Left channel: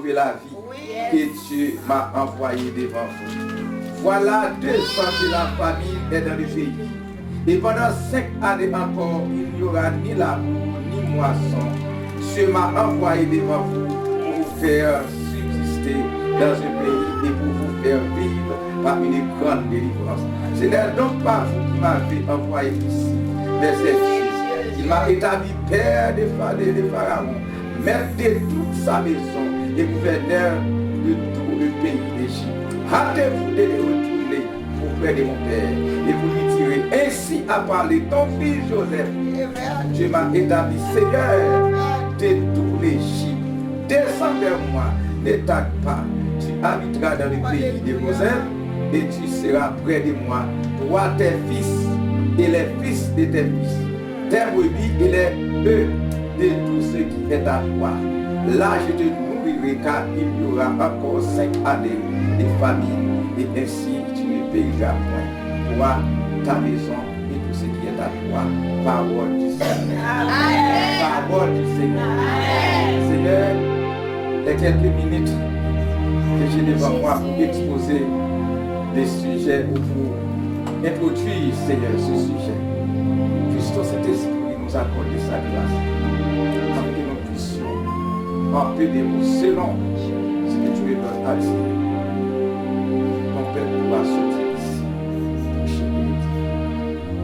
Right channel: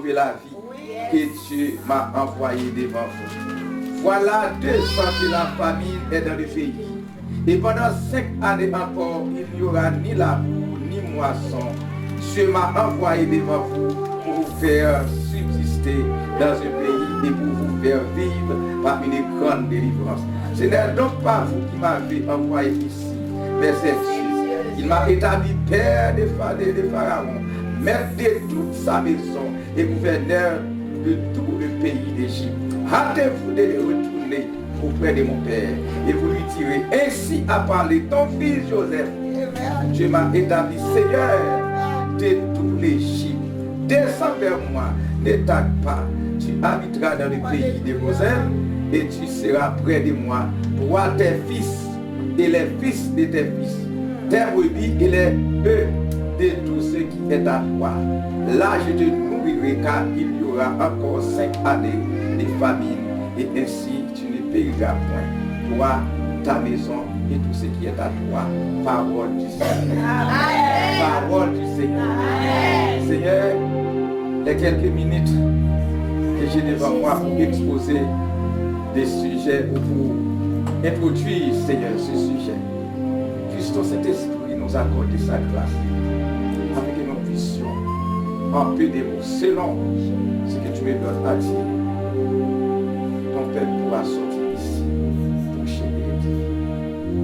sauver la vie que Dieu m'a envoyé devant vous. Voilà 200 que la famine est dans le pays. Et pendant 5 années encore, il n'y aura ni labour, ni moisson. Dieu m'a envoyé devant vous pour vous faire subsister dans un pays et pour vous faire vivre par une grande délivrance. Ce n'est donc pas vous qui m'avez envoyé ici, mais c'est Dieu. Il m'a établi père de Pharaon, maître de toute sa maison et gouverneur de tout le pays d'Égypte. Hâtez-vous de retourner auprès de mon père et vous lui direz, ainsi a parlé ton fils Joseph. Dieu m'a établi Seigneur de tout l'Égypte. Descends vers moi, ne tarde pas. Tu habiteras dans le pays de Goshen et tu seras près de moi, toi, tes fils et les fils de tes fils, tes brebis et les bœufs de tout ce qui est à toi. Là, je te nourrirai car il y aura encore 5 années de famine et ainsi tu ne périras point, toi, ta maison et tout ce qui est à toi. Parole du Seigneur. Parole du Seigneur. Seigneur, les quelques minutes que j'ai devant moi pour exposer des sujets ou pour introduire, Seigneur, ce sujet. Puisse ton Saint-Esprit nous accorder sa grâce afin que nous puissions en peu de mots, selon ce que tu me donnes à dire. Ton Père pourra sortir ici pour chez lui.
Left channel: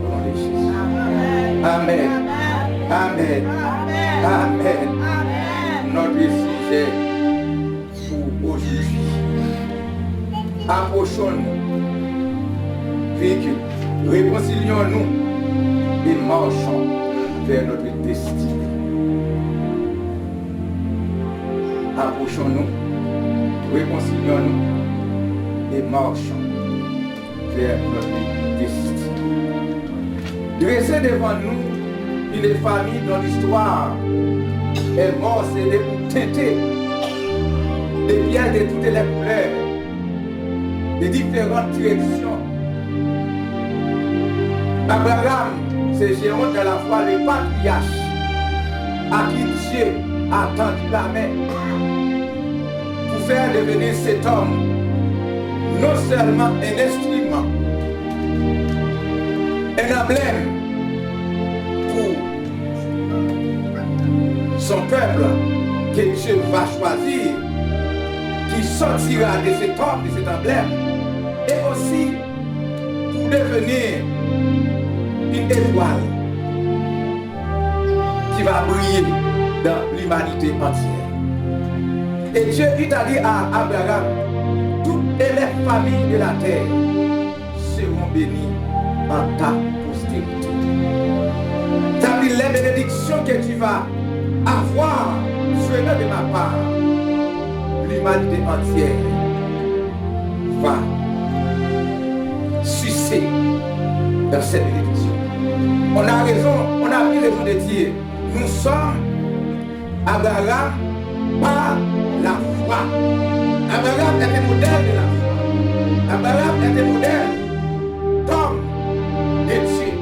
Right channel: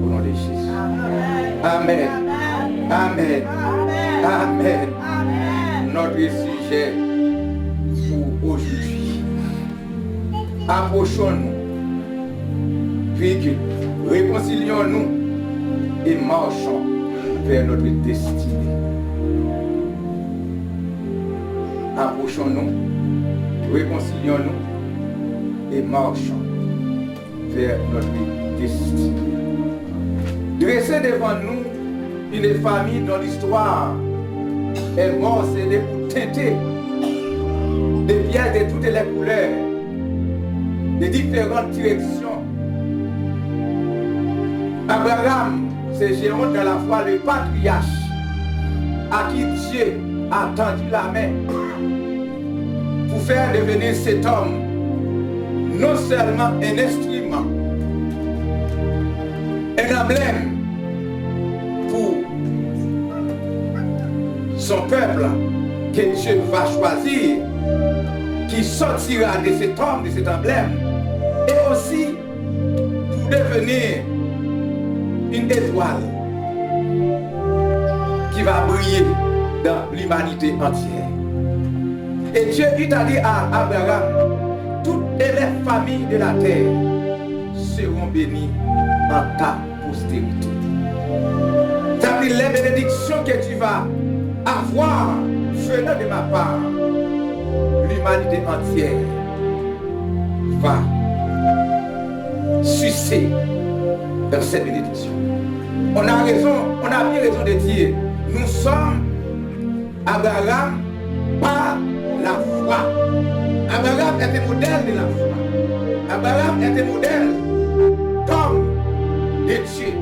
Au nom de Jésus. Amen. Amen. Amen. Amen. Notre sujet pour aujourd'hui. Approchons-nous, puis réconcilions-nous et marchons vers notre destinée. Approchons-nous, réconcilions-nous et marchons vers notre destinée. Dressez devant nous une famille dont l'histoire est morcelée ou teintée de pierres de toutes les couleurs, de différentes directions. Abraham, c'est géant de la foi, le patriarche, à qui Dieu a tendu la main pour faire devenir cet homme non seulement un instrument, un emblème pour son peuple que Dieu va choisir, qui sortira de cet homme, de cet emblème, et aussi pour devenir une étoile qui va briller dans l'humanité entière. Et Dieu a dit à Abraham, toutes les familles de la terre seront bénies en ta postérité. Ça veut dire les bénédictions que tu vas avoir venant de ma part, l'humanité entière va sucer dans cette bénédiction. On a bien raison de dire, nous sommes Abraham par la foi. Abraham est un modèle de la foi. Abraham est un modèle d'homme de Dieu.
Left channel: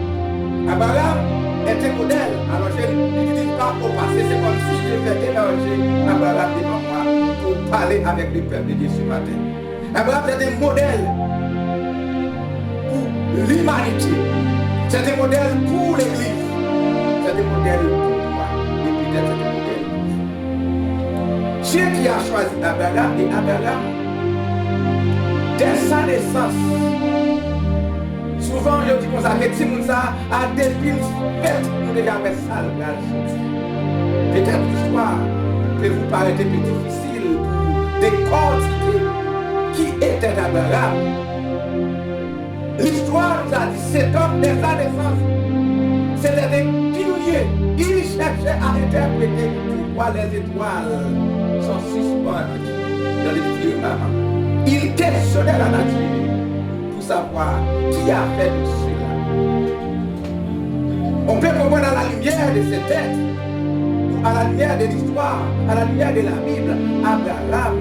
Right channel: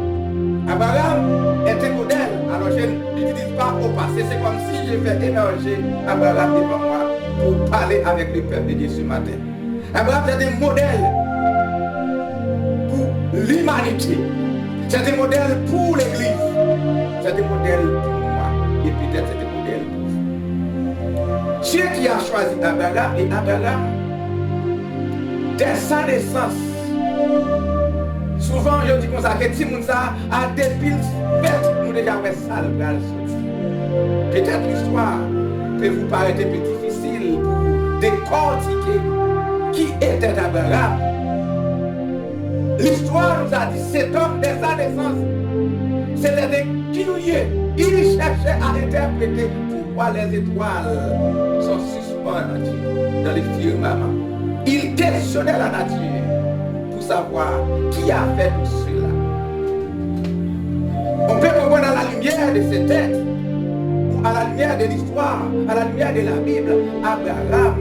Abraham est un modèle. Alors je n'utilise pas au passé, c'est comme si je vais émerger Abraham devant moi pour parler avec le peuple de Dieu ce matin. Abraham est un modèle pour l'humanité. C'est un modèle pour l'Église. C'est un modèle pour moi. Et peut-être c'est un modèle pour vous. Dieu qui a choisi Abraham, et Abraham, dès sa naissance, souvent je dis comme ça, que si ça a des piles faites, nous déjà ouais ça le sorti. Peut-être l'histoire peut vous paraître un peu difficile pour décortiquer qui était Abraham. L'histoire nous a dit cet homme dès sa naissance, c'était un pionnier. Il cherchait à interpréter pourquoi les étoiles sont suspendues dans le firmament. Il questionnait la nature pour savoir qui a fait tout cela. On peut comprendre à la lumière de ces textes, ou à la lumière de l'histoire, à la lumière de la Bible, Abraham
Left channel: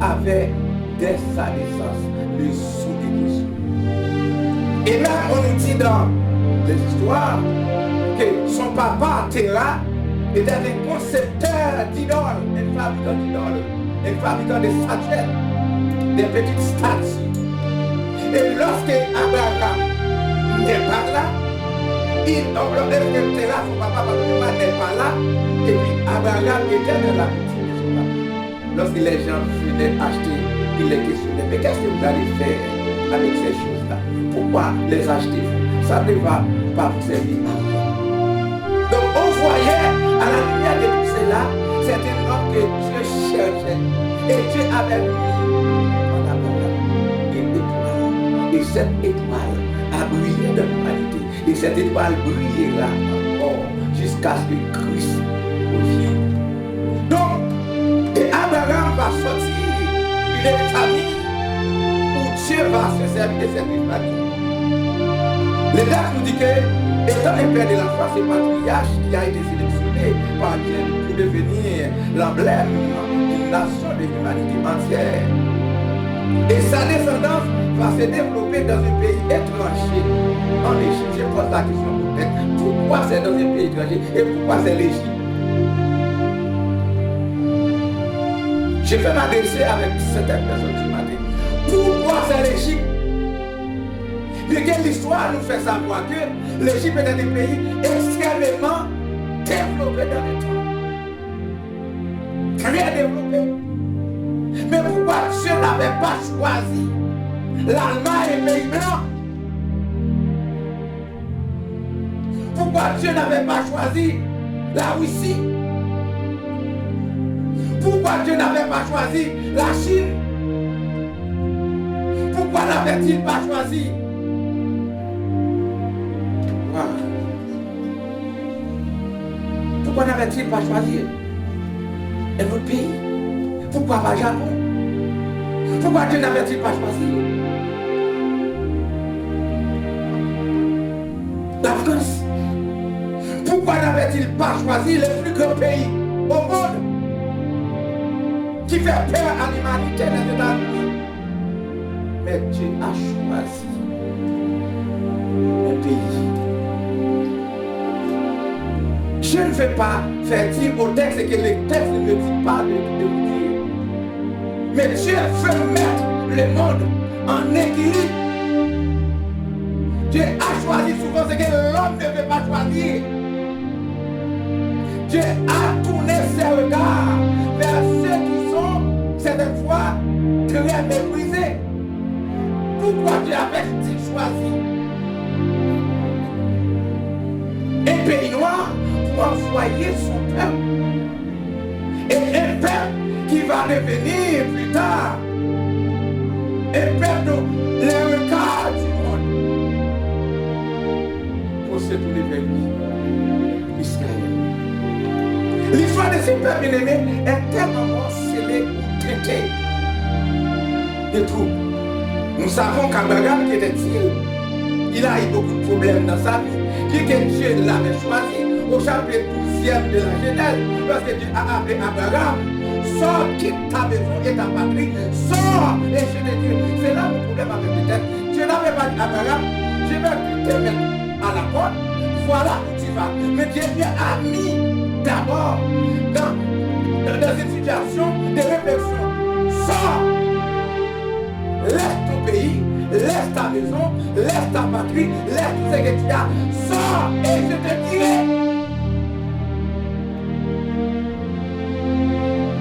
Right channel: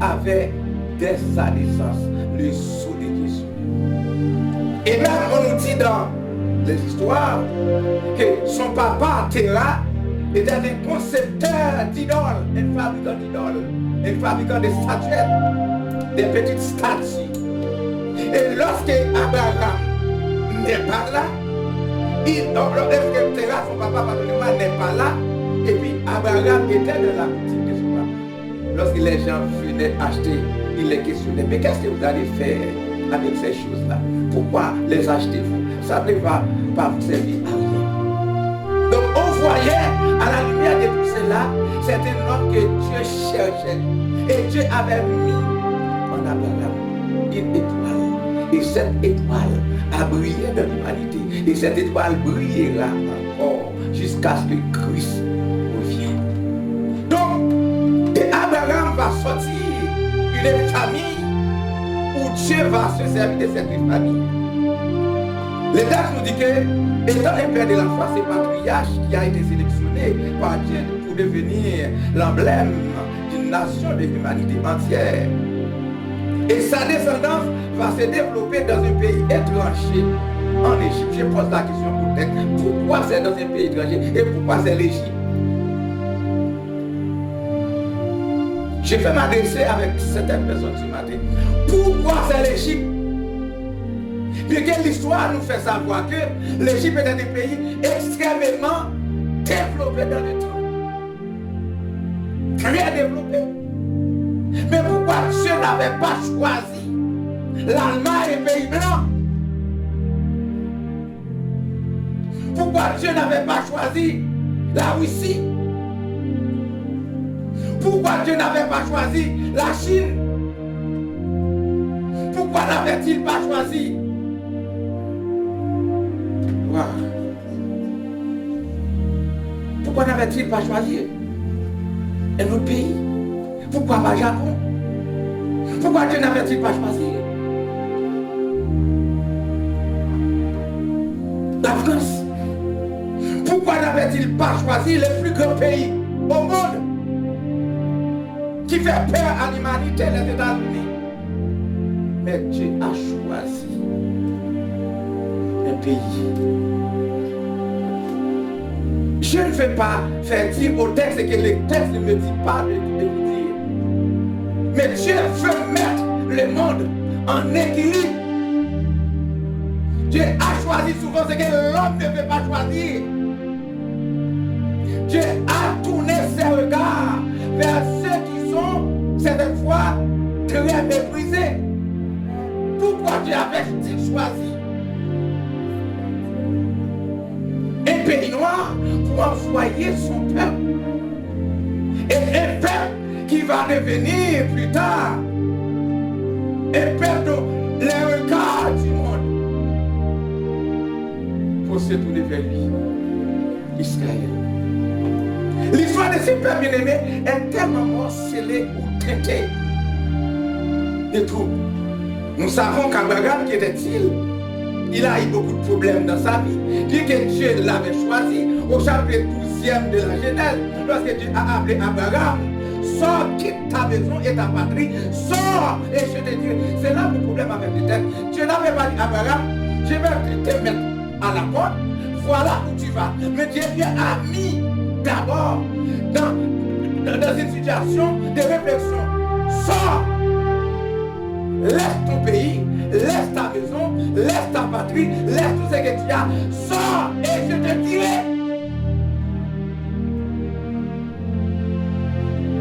avait dès sa naissance le sceau de Jésus. Et même on nous dit dans les histoires que son papa Terah était un concepteur d'idoles, un fabricant d'idoles, et fabricant des statuettes, des petites statues. Et lorsque Abraham n'est pas là, son papa, pardonnez-moi, n'est pas là, et puis Abraham était dans la boutique de son papa. Lorsque les gens venaient acheter, il les questionnait, mais qu'est-ce que vous allez faire avec ces choses-là? Pourquoi les achetez-vous? Ça ne va pas vous servir à rien. Donc on voyait à la lumière de tout cela, c'est un homme que Dieu cherchait. Et Dieu avait mis en Abraham une étoile. Et cette étoile a brillé dans l'humanité. Et cette étoile brillera encore jusqu'à ce que Christ revienne. Donc, et Abraham va sortir une famille où Dieu va se servir de cette famille. Le texte nous dit que, étant le père de la foi, c'est patriarche qui a été sélectionné par Dieu pour devenir l'emblème d'une nation de l'humanité entière. Et sa descendance va se développer dans un pays étranger, en Égypte. Je pose la question au texte, pourquoi c'est dans un pays étranger et pourquoi c'est l'Égypte? Je vais m'adresser avec certaines personnes ce matin. Pourquoi c'est l'Égypte? Bien que l'histoire nous fait savoir que l'Égypte est un pays extrêmement développé dans le temps. Très développé. Mais pourquoi Dieu n'avait pas choisi l'Allemagne et les pays blancs? Pourquoi Dieu n'avait pas choisi la Russie? Pourquoi Dieu n'avait pas choisi la Chine? Pourquoi n'avait-il pas choisi? Wow. Pourquoi n'avait-il pas choisi un autre pays? Pourquoi pas Japon? Pourquoi Dieu n'avait-il pas choisi la France? Pourquoi n'avait-il pas choisi le plus grand pays au monde qui fait peur à l'humanité, les États-Unis? Mais Dieu a choisi un pays. Je ne vais pas faire dire au texte que le texte ne me dit pas de vous dire. Mais Dieu veut mettre le monde en équilibre. Dieu a choisi souvent ce que l'homme ne veut pas choisir. Dieu a tourné ses regards vers ceux qui sont, certaines fois, très méprisés. Pourquoi Dieu avait-il choisi un pays noir pour envoyer son peuple? Et un peuple qui va devenir plus tard un peuple dont les regards du monde pour se tourner vers lui, Israël. L'histoire de ce peuple bien-aimé est tellement morcelée ou traitée de tout. Nous savons qu'Abraham, qui était-il? Il a eu beaucoup de problèmes dans sa vie. Bien que Dieu l'avait choisi au chapitre 12e de la Genèse, lorsque Dieu a appelé Abraham, sors, quitte ta maison et ta patrie, sors et je te dirai. C'est là mon problème avec le texte. Dieu n'avait pas dit à Abraham, je vais te mettre à la porte, voilà où tu vas. Mais Dieu a mis d'abord dans une situation de réflexion. Sors, laisse ton pays, laisse ta maison, laisse ta patrie, laisse tout ce que tu as, sors et je te dirai.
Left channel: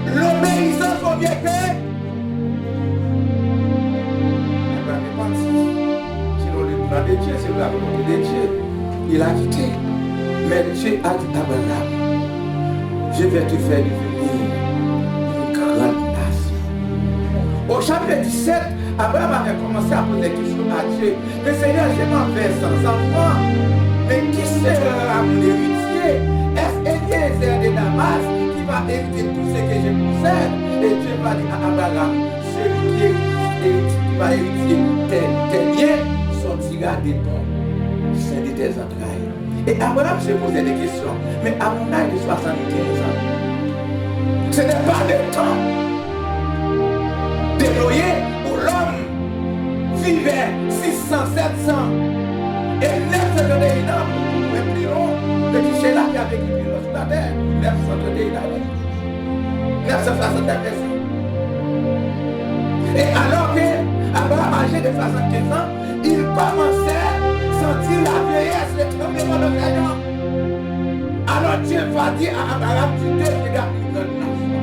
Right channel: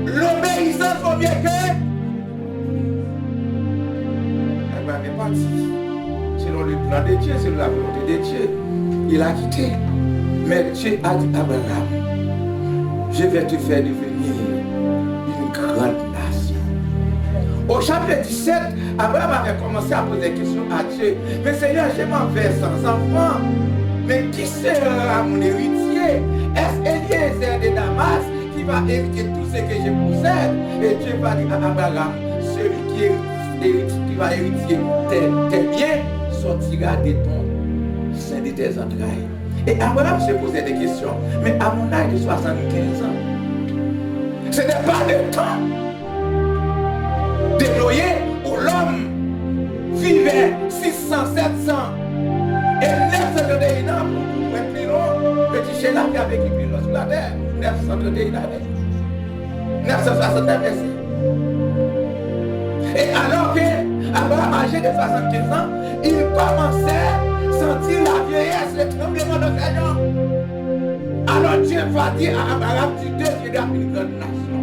L'obéissance au bien que Abraham est parti. Selon le plan de Dieu, selon la volonté de Dieu, il a quitté. Mais Dieu a dit à Abraham, je vais te faire devenir une grande nation. Au chapitre 17, Abraham avait commencé à poser des questions à Dieu. Mais Seigneur, je m'en vais sans enfant. Mais qui sera mon héritier? Est-ce Eliezer de Damas qui va hériter tout ce que je possède? Et Dieu va dire à Abraham, celui qui va hériter tes biens sortira de ton sein de tes entrailles. Et Abraham se posait des questions. Mais à mon âge de 75 ans, ce n'est pas le temps déployé où l'homme vivait 600, 700 et 931 ans pour être plus long. Petit Sheila qui a vécu plus long sur la terre, 931 années. 969 ici. Et alors que Abraham âgé de 75 ans, il commençait à sentir la vieillesse, le tremblement de ses jambes. Alors Dieu va dire à Abraham, tu deviendras une grande nation.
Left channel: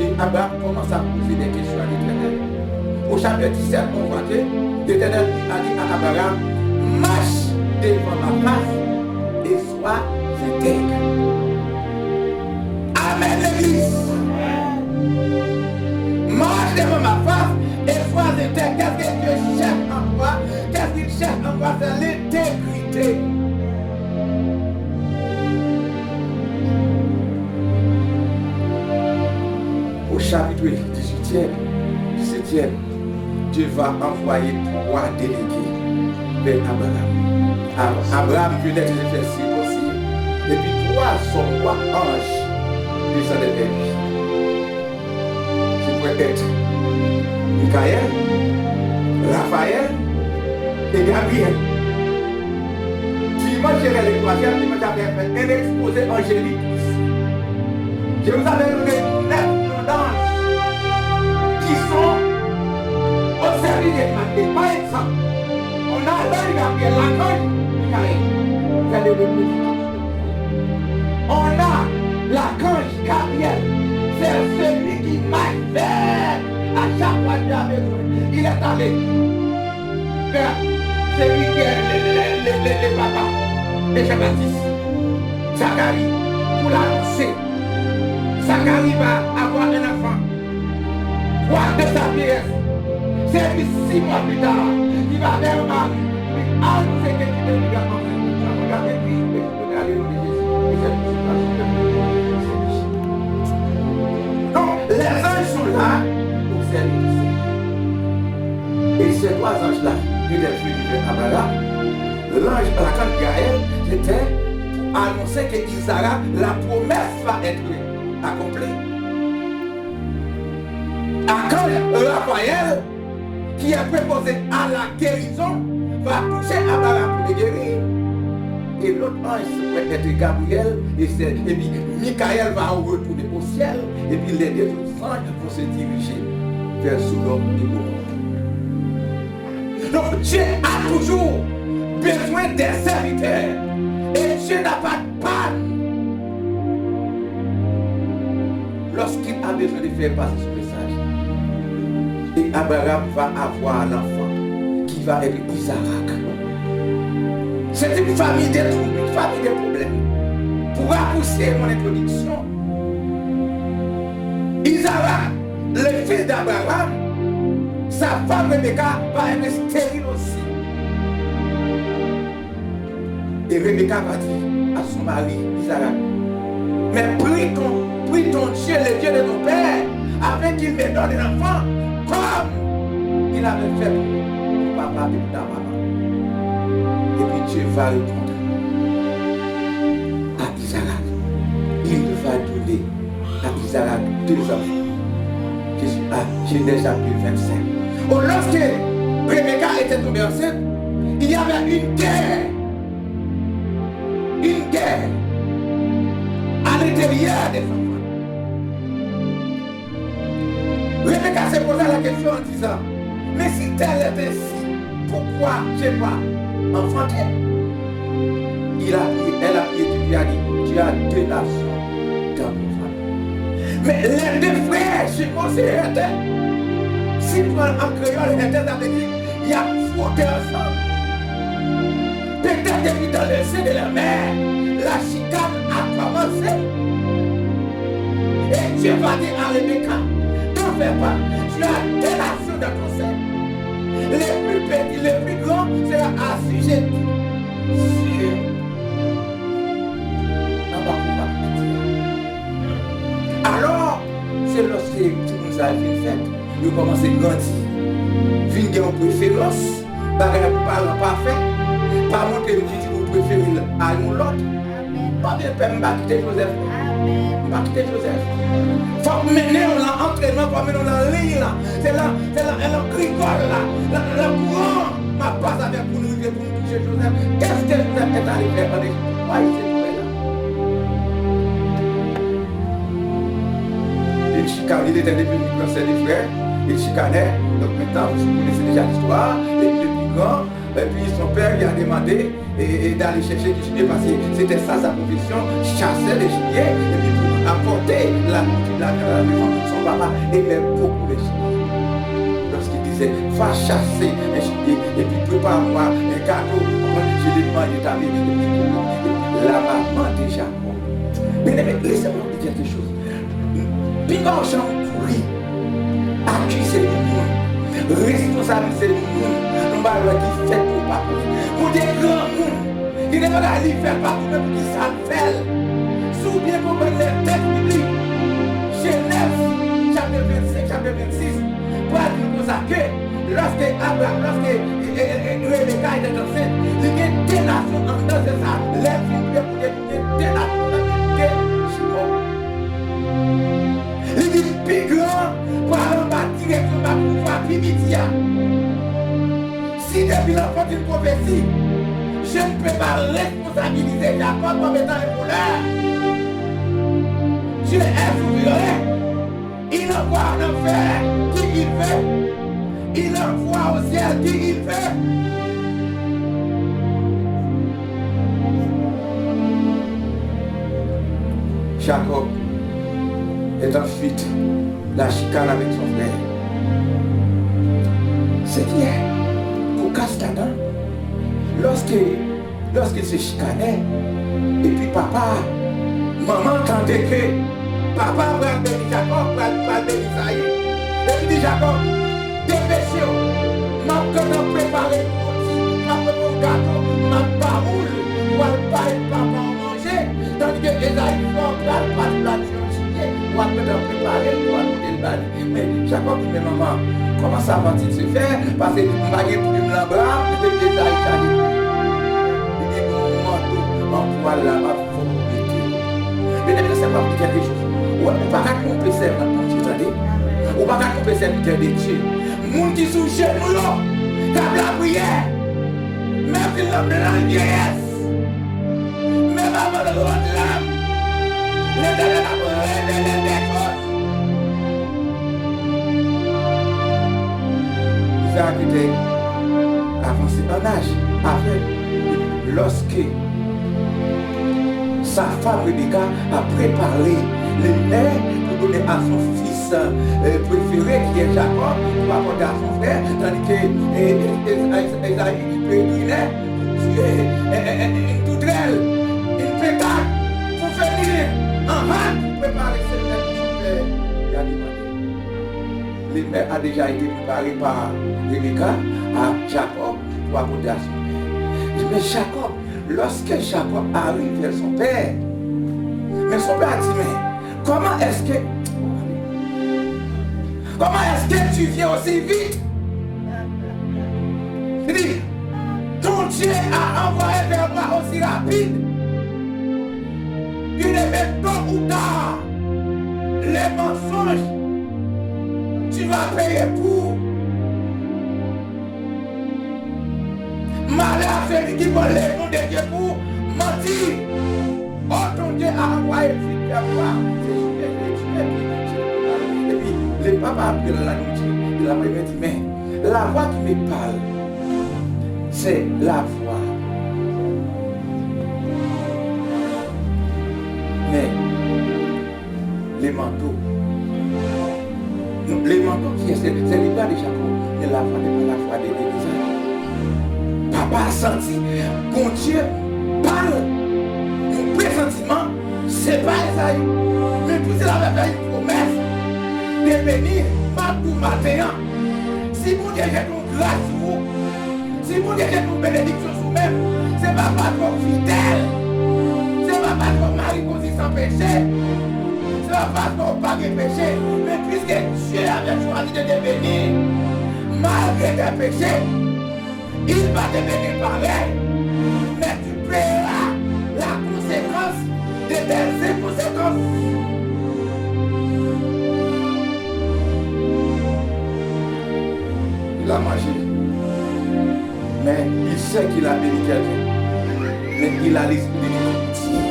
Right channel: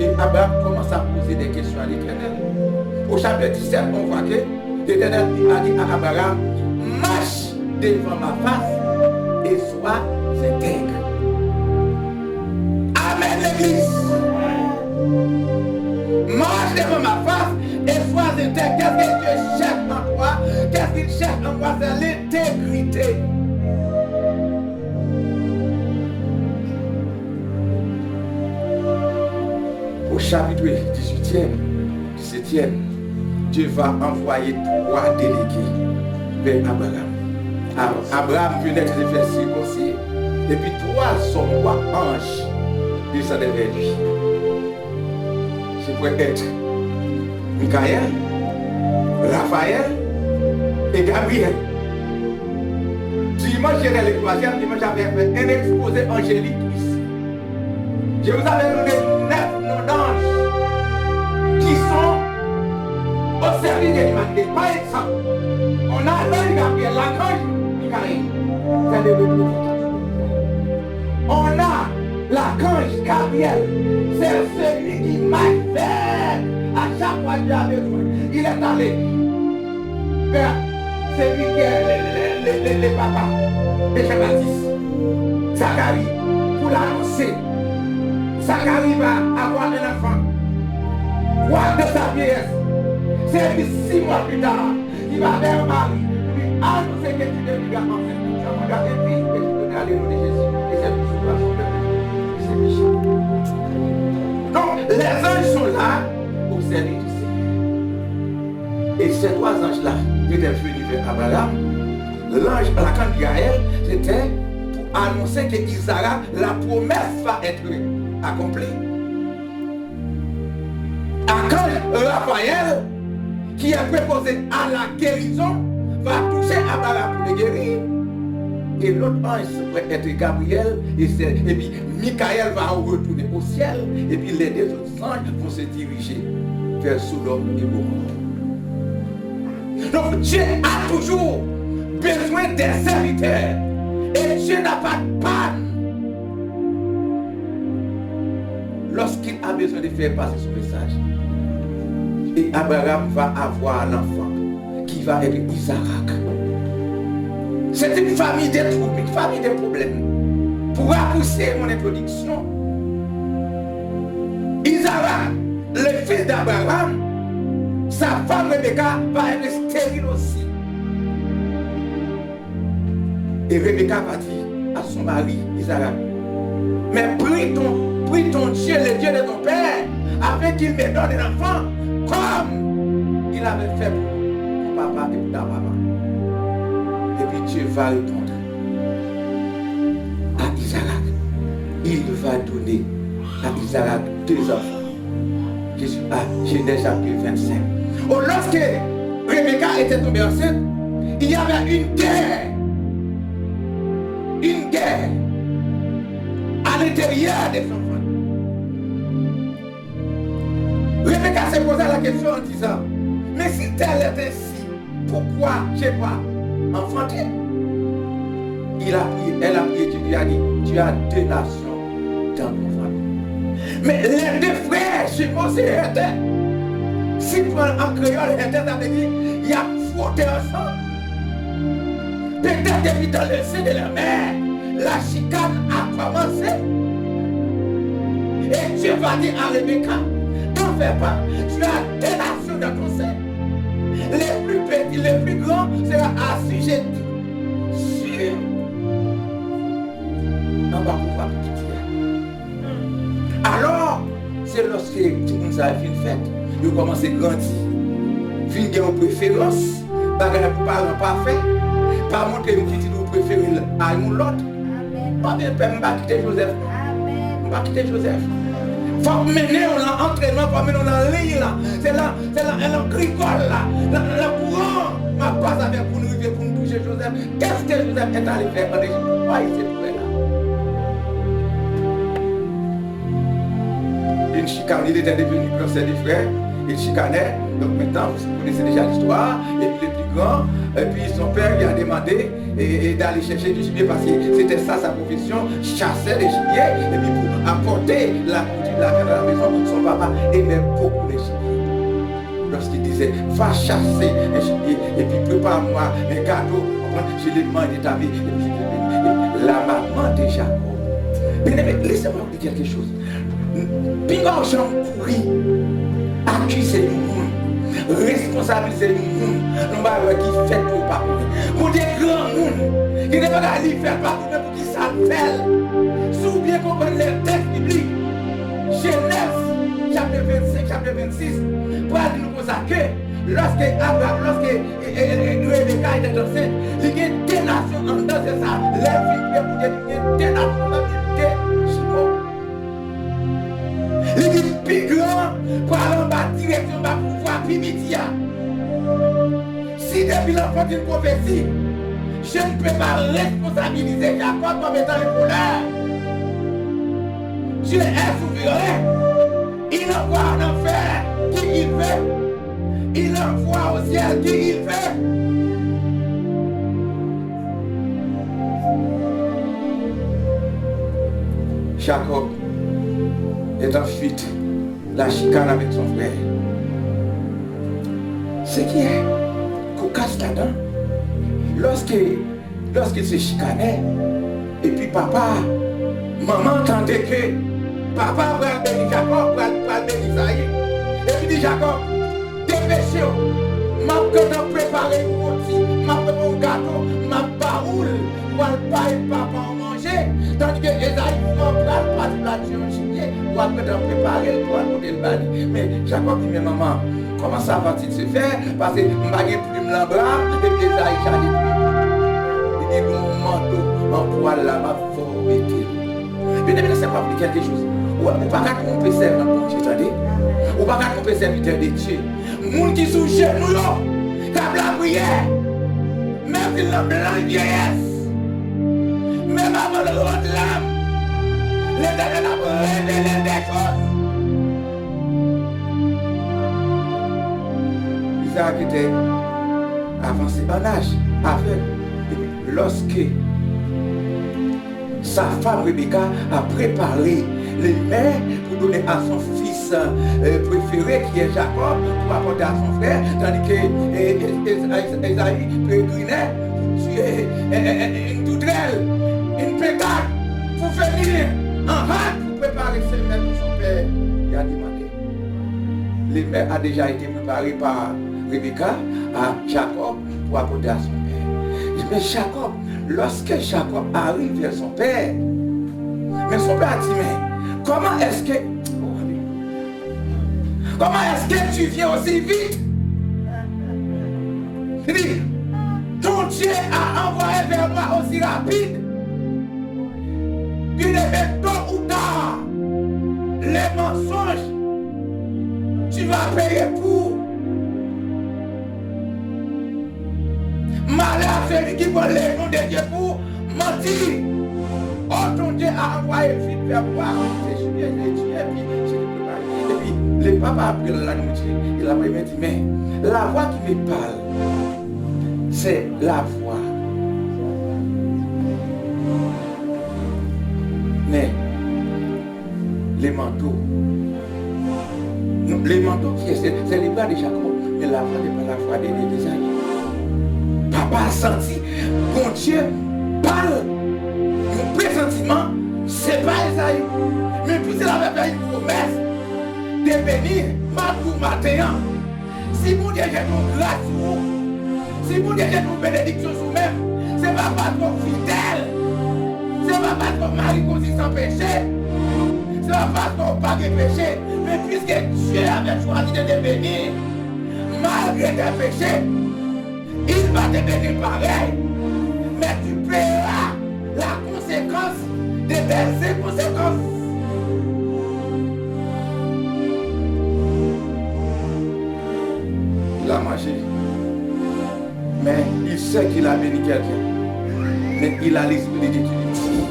Et Abraham commence à poser des questions à l'Éternel. Au chapitre 17, on voit que l'Éternel a dit à Abraham, marche devant ma face et sois intègre. Amen l'église. Marche devant ma face et sois intègre. Qu'est-ce que Dieu cherche en toi? Qu'est-ce qu'il cherche en toi? C'est l'intégrité. Au chapitre 18e, 17e, Dieu va envoyer 3 délégués vers Abraham. Abraham peut être fait si possible. Et puis 3 anges descendaient vers lui. C'est pour être Michael, Raphaël et Gabriel. Dimanche, j'avais le 3e, dimanche, j'avais fait un exposé angélique ici. Je vous avais donné 9 noms d'anges qui sont au service de l'humanité. Par exemple, on a l'ange Gabriel, l'archange Michael, c'est le représentant. On a l'archange Gabriel, c'est celui qui marche vers à chaque fois qu'il a besoin. Il est allé vers celui qui est le papa de Jean-Baptiste, Zacharie, pour l'annoncer. Zacharie va avoir un enfant. Quoi de sa vieillesse? C'est lui 6 mois plus tard, il va vers Marie, lui annoncer que tu deviendras enceinte. Je vais regarder puis je vais donner le nom de Jésus. Et c'est une situation de donc, les anges sont là pour servir du Seigneur. Et ces 3 anges-là, qui étaient venus vers Abraham, l'ange, l'archange Gaël, c'était pour annoncer que Isaac, la promesse va être accomplie. Archange Raphaël, qui est préposé à la guérison, va toucher Abraham pour le guérir. Et l'autre ange pourrait être Gabriel, et puis Michael va retourner au ciel, et puis les 2 autres anges vont se diriger vers Sodome et Gomorrhe. Donc Dieu a toujours besoin des serviteurs, et Dieu n'a pas de panne lorsqu'il a besoin de faire passer son message. Et Abraham va avoir l'enfant qui va être Isaac. C'est une famille de troubles, une famille de problèmes. Pour raccourcir mon introduction, Isaac, le fils d'Abraham, sa femme Rebecca va être stérile aussi. Et Rebecca va dire à son mari, Isaac, mais prie ton Dieu, le Dieu de ton père, afin qu'il me donne un enfant, comme il avait fait pour mon papa et pour ta maman. Et puis Dieu va répondre à Isaac. Il va donner à Isaac 2 enfants. Genèse chapitre 25. Oh, lorsque Rebecca était tombée enceinte, il y avait une guerre. Une guerre à l'intérieur des enfants. Rebecca s'est posé la question en disant, mais si tel est ainsi, pourquoi je n'ai pas enfanté? Elle a prié, Dieu a dit, tu as 2 nations dans ton famille. Mais les 2 frères, je considère, si tu prends en créole, ça veut dire, il y a frotté ensemble. Peut-être depuis dans le sein de la mère, la chicane a commencé. Et Dieu va dire à Rebecca, t'en fais pas, tu as 2 nations dans ton sein. Les plus petits, les plus grands seront assujettis sur un bas. Alors, c'est lorsque tout le monde a fait une fête, ils ont commencé à grandir. Ils ont une préférence, pas parfait, pas montrer une petite nous préférée à l'autre. Pas de peine, je vais quitter Joseph. Je vais quitter Joseph. Il faut mener l'entraînement, il faut mener la ligne là. C'est là, elle gricole là. Le courant m'a pas avec pour nous toucher Joseph. Qu'est-ce que Joseph est allé faire en Égypte? Pourquoi il s'est trouvé là? Une chicane, il était devenu cancer des frères. il chicanait. Donc maintenant, vous connaissez déjà l'histoire. Et puis le plus grand, et puis son père lui a demandé d'aller chercher du gibier parce que c'était ça sa profession, chasser les gibiers. Et puis pour apporter la nourriture de la viande à la maison, son papa aimait beaucoup les gibiers. Lorsqu'il disait, va chasser un gibier et puis prépare-moi un gâteau, je l'ai mangé ta vie. La maman de Jacob. Mais laissez-moi vous dire quelque chose. Pingor Jean pourri, accuser le monde, responsabiliser le monde, nous allons qui fait pour pas pour des grands monde, qui ne va pas aller faire pas pour qui ça fait. Sous bien comprendre les textes bibliques, Genèse, chapitre 25, chapitre 26, pour nous consacrer, lorsque Rebecca était enceinte, il y a des nations en dedans, c'est ça, les filles pour des nations en il dit plus grand pour aller en bas direction pour pouvoir primitia. Si depuis l'enfant d'une prophétie, je ne peux pas responsabiliser Jacob comme étant un voleur. Dieu est souverain. Il envoie en enfer qui il veut. Il envoie au ciel qui il veut. Jacob est en fuite, la chicane avec son frère. Ce qui est cocasse là-dedans, lorsqu'il se chicanait, et puis papa, maman entendait que papa va bénir Jacob, va bénir Isaïe. Et puis dit Jacob, dépêchez-vous, m'a préparé un rôti, m'a préparé un gâteau, m'a baroule, pour le paille papa en manger, tandis que Isaïe va pas de plat sur le chiquet, pour préparer, pour monter le bali. Mais Jacob dit, mais maman, comment ça va-t-il se faire? Parce que je n'ai pas de plume dans le bras, et puis Isaïe a dit, il dit, mon manteau, en poil là, ma formeté. Mais laissez-moi vous dire quelque chose. Ou pas qu'à tromper serviteur de Dieu, attendez. Ou pas qu'à tromper serviteur de Dieu. Moun qui sous genou là, comme la prière, même si l'homme blanc vieillesse, même avant le roi de l'âme, l'Éternel a révélé des choses. Isaac était avancé en âge, avec, lorsque sa femme Rebecca a préparé les mets pour donner à son fils préféré qui est Jacob pour apporter à son frère, tandis que Esaïe pèlerinait pour tuer une tourterelle, une pétard pour venir en hâte pour préparer ce mets pour son père. Il a demandé. Les mets a déjà été préparés par Rebecca à Jacob pour apporter à son père. Mais Jacob, lorsque Jacob arrive vers son père, mais son père a dit, mais comment est-ce que tu viens aussi vite? Il dit, ton Dieu a envoyé vers moi aussi rapide. Il est tôt ou tard, les mensonges, tu vas payer pour. Malheur à celui qui vole les noms de Dieu pour mentir. Oh, ton Dieu a envoyé vite vers moi. Et puis, le papa a pris la nourriture. Il a dit, mais la voix qui me parle, c'est la voix. Mais les manteaux qui est, c'est les bras de Jacob. Mais la voix n'est pas la voix des amis. Papa a senti, bon Dieu parle. Mon pressentiment, c'est pas Esaïe. Mais puisqu'il avait fait une promesse de bénir Matou matin. Si mon Dieu j'ai une grâce sur vous, si mon Dieu j'ai une bénédiction sur vous-même, c'est pas parce qu'on fidèle, c'est pas parce qu'on marie sans péché, c'est pas parce qu'on pas de péché, mais puisque Dieu avait choisi de te bénir, malgré tes péchés, il va te bénir pareil, mais tu paieras la conséquence de tes inconséquences. Il a mangé, mais il sait qu'il a béni quelqu'un, mais il a l'esprit de Dieu qui dit,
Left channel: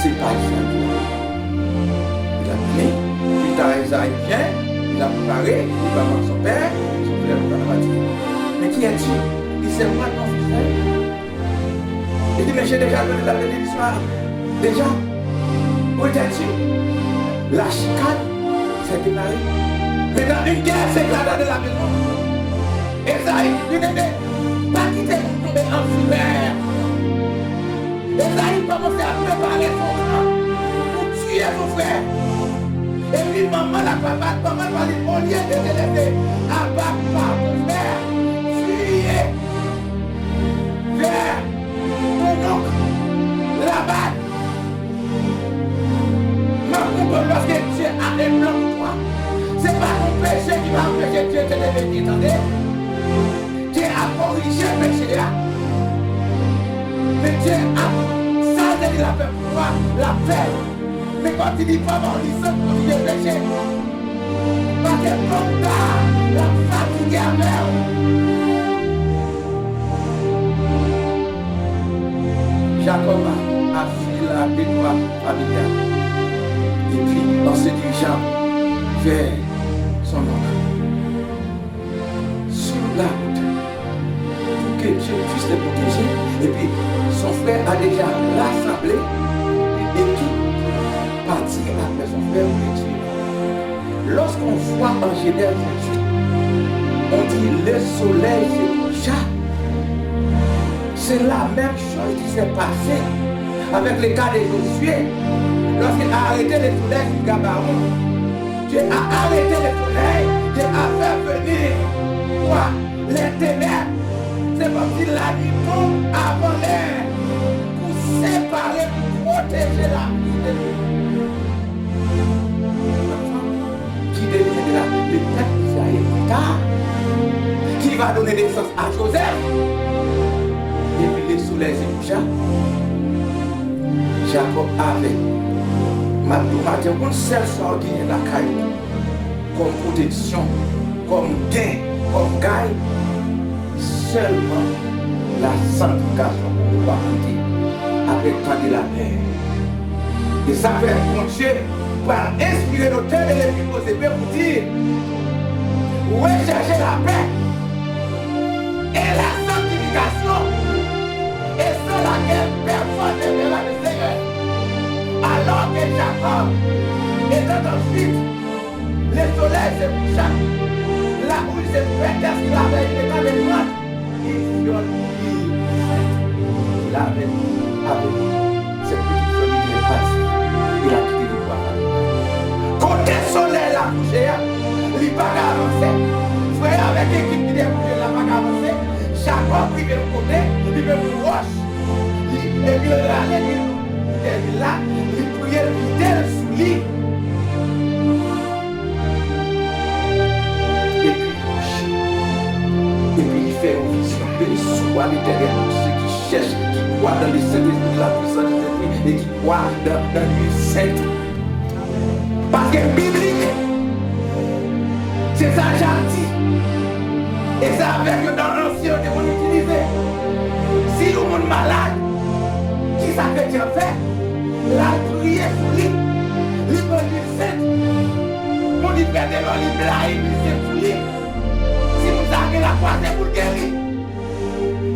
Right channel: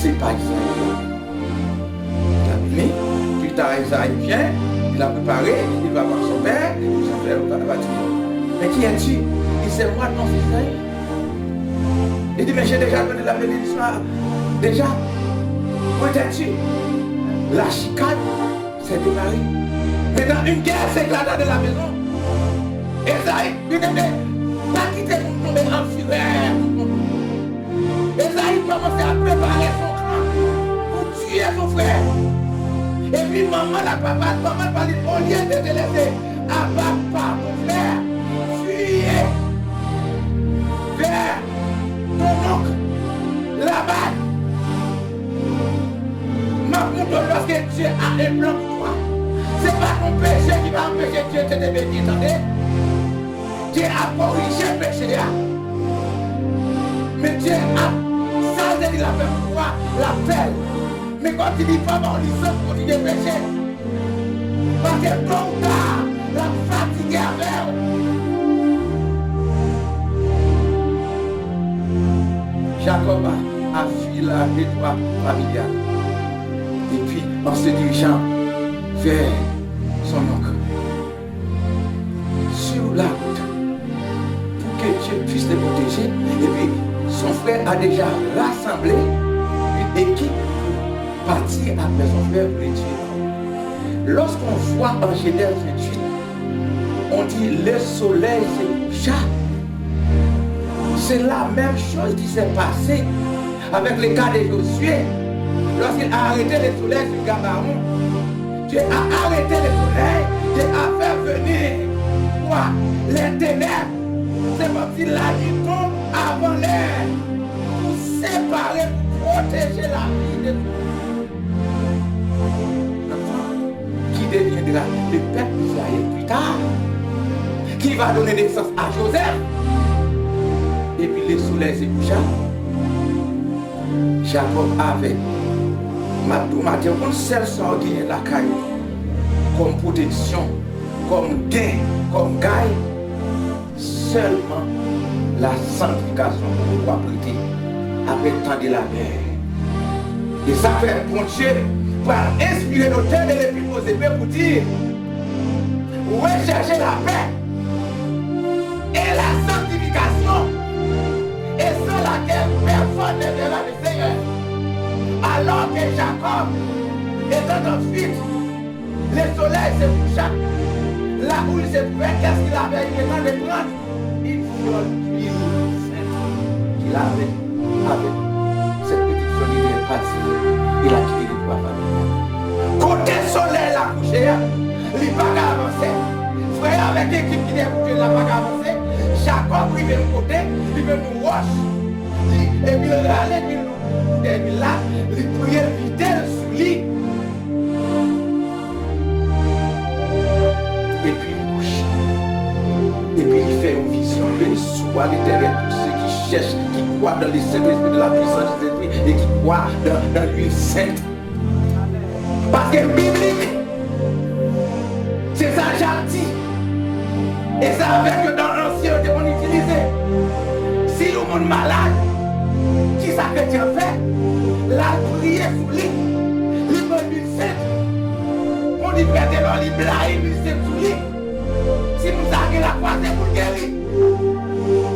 c'est pas Isaïe. Il a béni, plus tard Isaïe vient, Il a préparé, il va voir son père, son père va dire, mais qui es-tu? Il dit, c'est moi ton fils. Il dit, mais j'ai déjà donné la bénédiction. Déjà, où étais-tu? La chicane s'est démarrée. Maintenant, une guerre s'éclate dans la maison. Esaïe, pas quitter mon tomber en fureur. Esaïe commençait à préparer son camp pour tuer son frère. Et puis maman, la papa, maman va dire, au lieu de te laisser abattre par ton frère, fuyez vers ton oncle, là-bas. Parce que Dieu a un plan pour toi. Ce n'est pas ton péché qui va empêcher Dieu de te bénir. Attendez. Dieu a corrigé le péché. Mais Dieu a ça, il a fait pour toi l'appel. Mais quand il dit pas bon, il sait continuer le péché. Parce que ton gars l'a fatigué avec. Jacob a fui la détroit familiale. Et puis, en se dirigeant vers son oncle, sur la route, pour que Dieu puisse le protéger, et puis son frère a déjà rassemblé une équipe pour partir après son frère pour les tuer. Lorsqu'on voit en Genèse 28, on dit le soleil se coucha. C'est la même chose qui s'est passée avec le cas de Josué. Lorsqu'il a arrêté le soleil sur Gabaron, Dieu a arrêté le soleil, Dieu a fait venir quoi? Les ténèbres. C'est comme si la nuit tombe avant l'air pour séparer, pour protéger la vie de nous. L'enfant qui deviendra le peuple d'Israël plus tard, qui va donner naissance à Joseph. Et puis le soleil se coucha. Jacob avait matin, comme celle sans gain la caille, comme protection, comme gain, comme gaille, seulement la sanctification pour pouvoir quitter avec tant de la paix. Et ça fait mon Dieu pour inspirer l'auteur de l'Épître aux Hébreux pour dire recherchez la paix et la sanctification, et sans laquelle personne ne verra le Seigneur. Alors que Jacob était en fuite, le soleil se coucha. Là où il se fait, qu'est-ce qu'il avait? Il était avec moi. Il viole l'île sainte qu'il avait avec cette petite folie de partie. Il a quitté les poids familiales. Côté soleil la couché, il n'a pas avancé. Frère avec l'équipe qui est couché, il n'a pas avancé. Jacob, il veut me côté, il veut me roche. Et puis il allait, il là, il priait fidèle sous lit. Et puis il couche. Et puis il fait une vision. Béni soit l'Éternel pour ceux qui cherchent, qui croient dans les Saint-Esprit de la puissance de l'Esprit et qui croient dans l'huile sainte. Parce que biblique, c'est ça gentil. Et ça avec dans l'ancien on utilisait. Si le monde malade, qui ça que tu as fait? La prière sous lui, libre du saint. On dit perdre l'eau, il blague, il s'est sous lui. Si nous avons la foi, c'est pour guérir.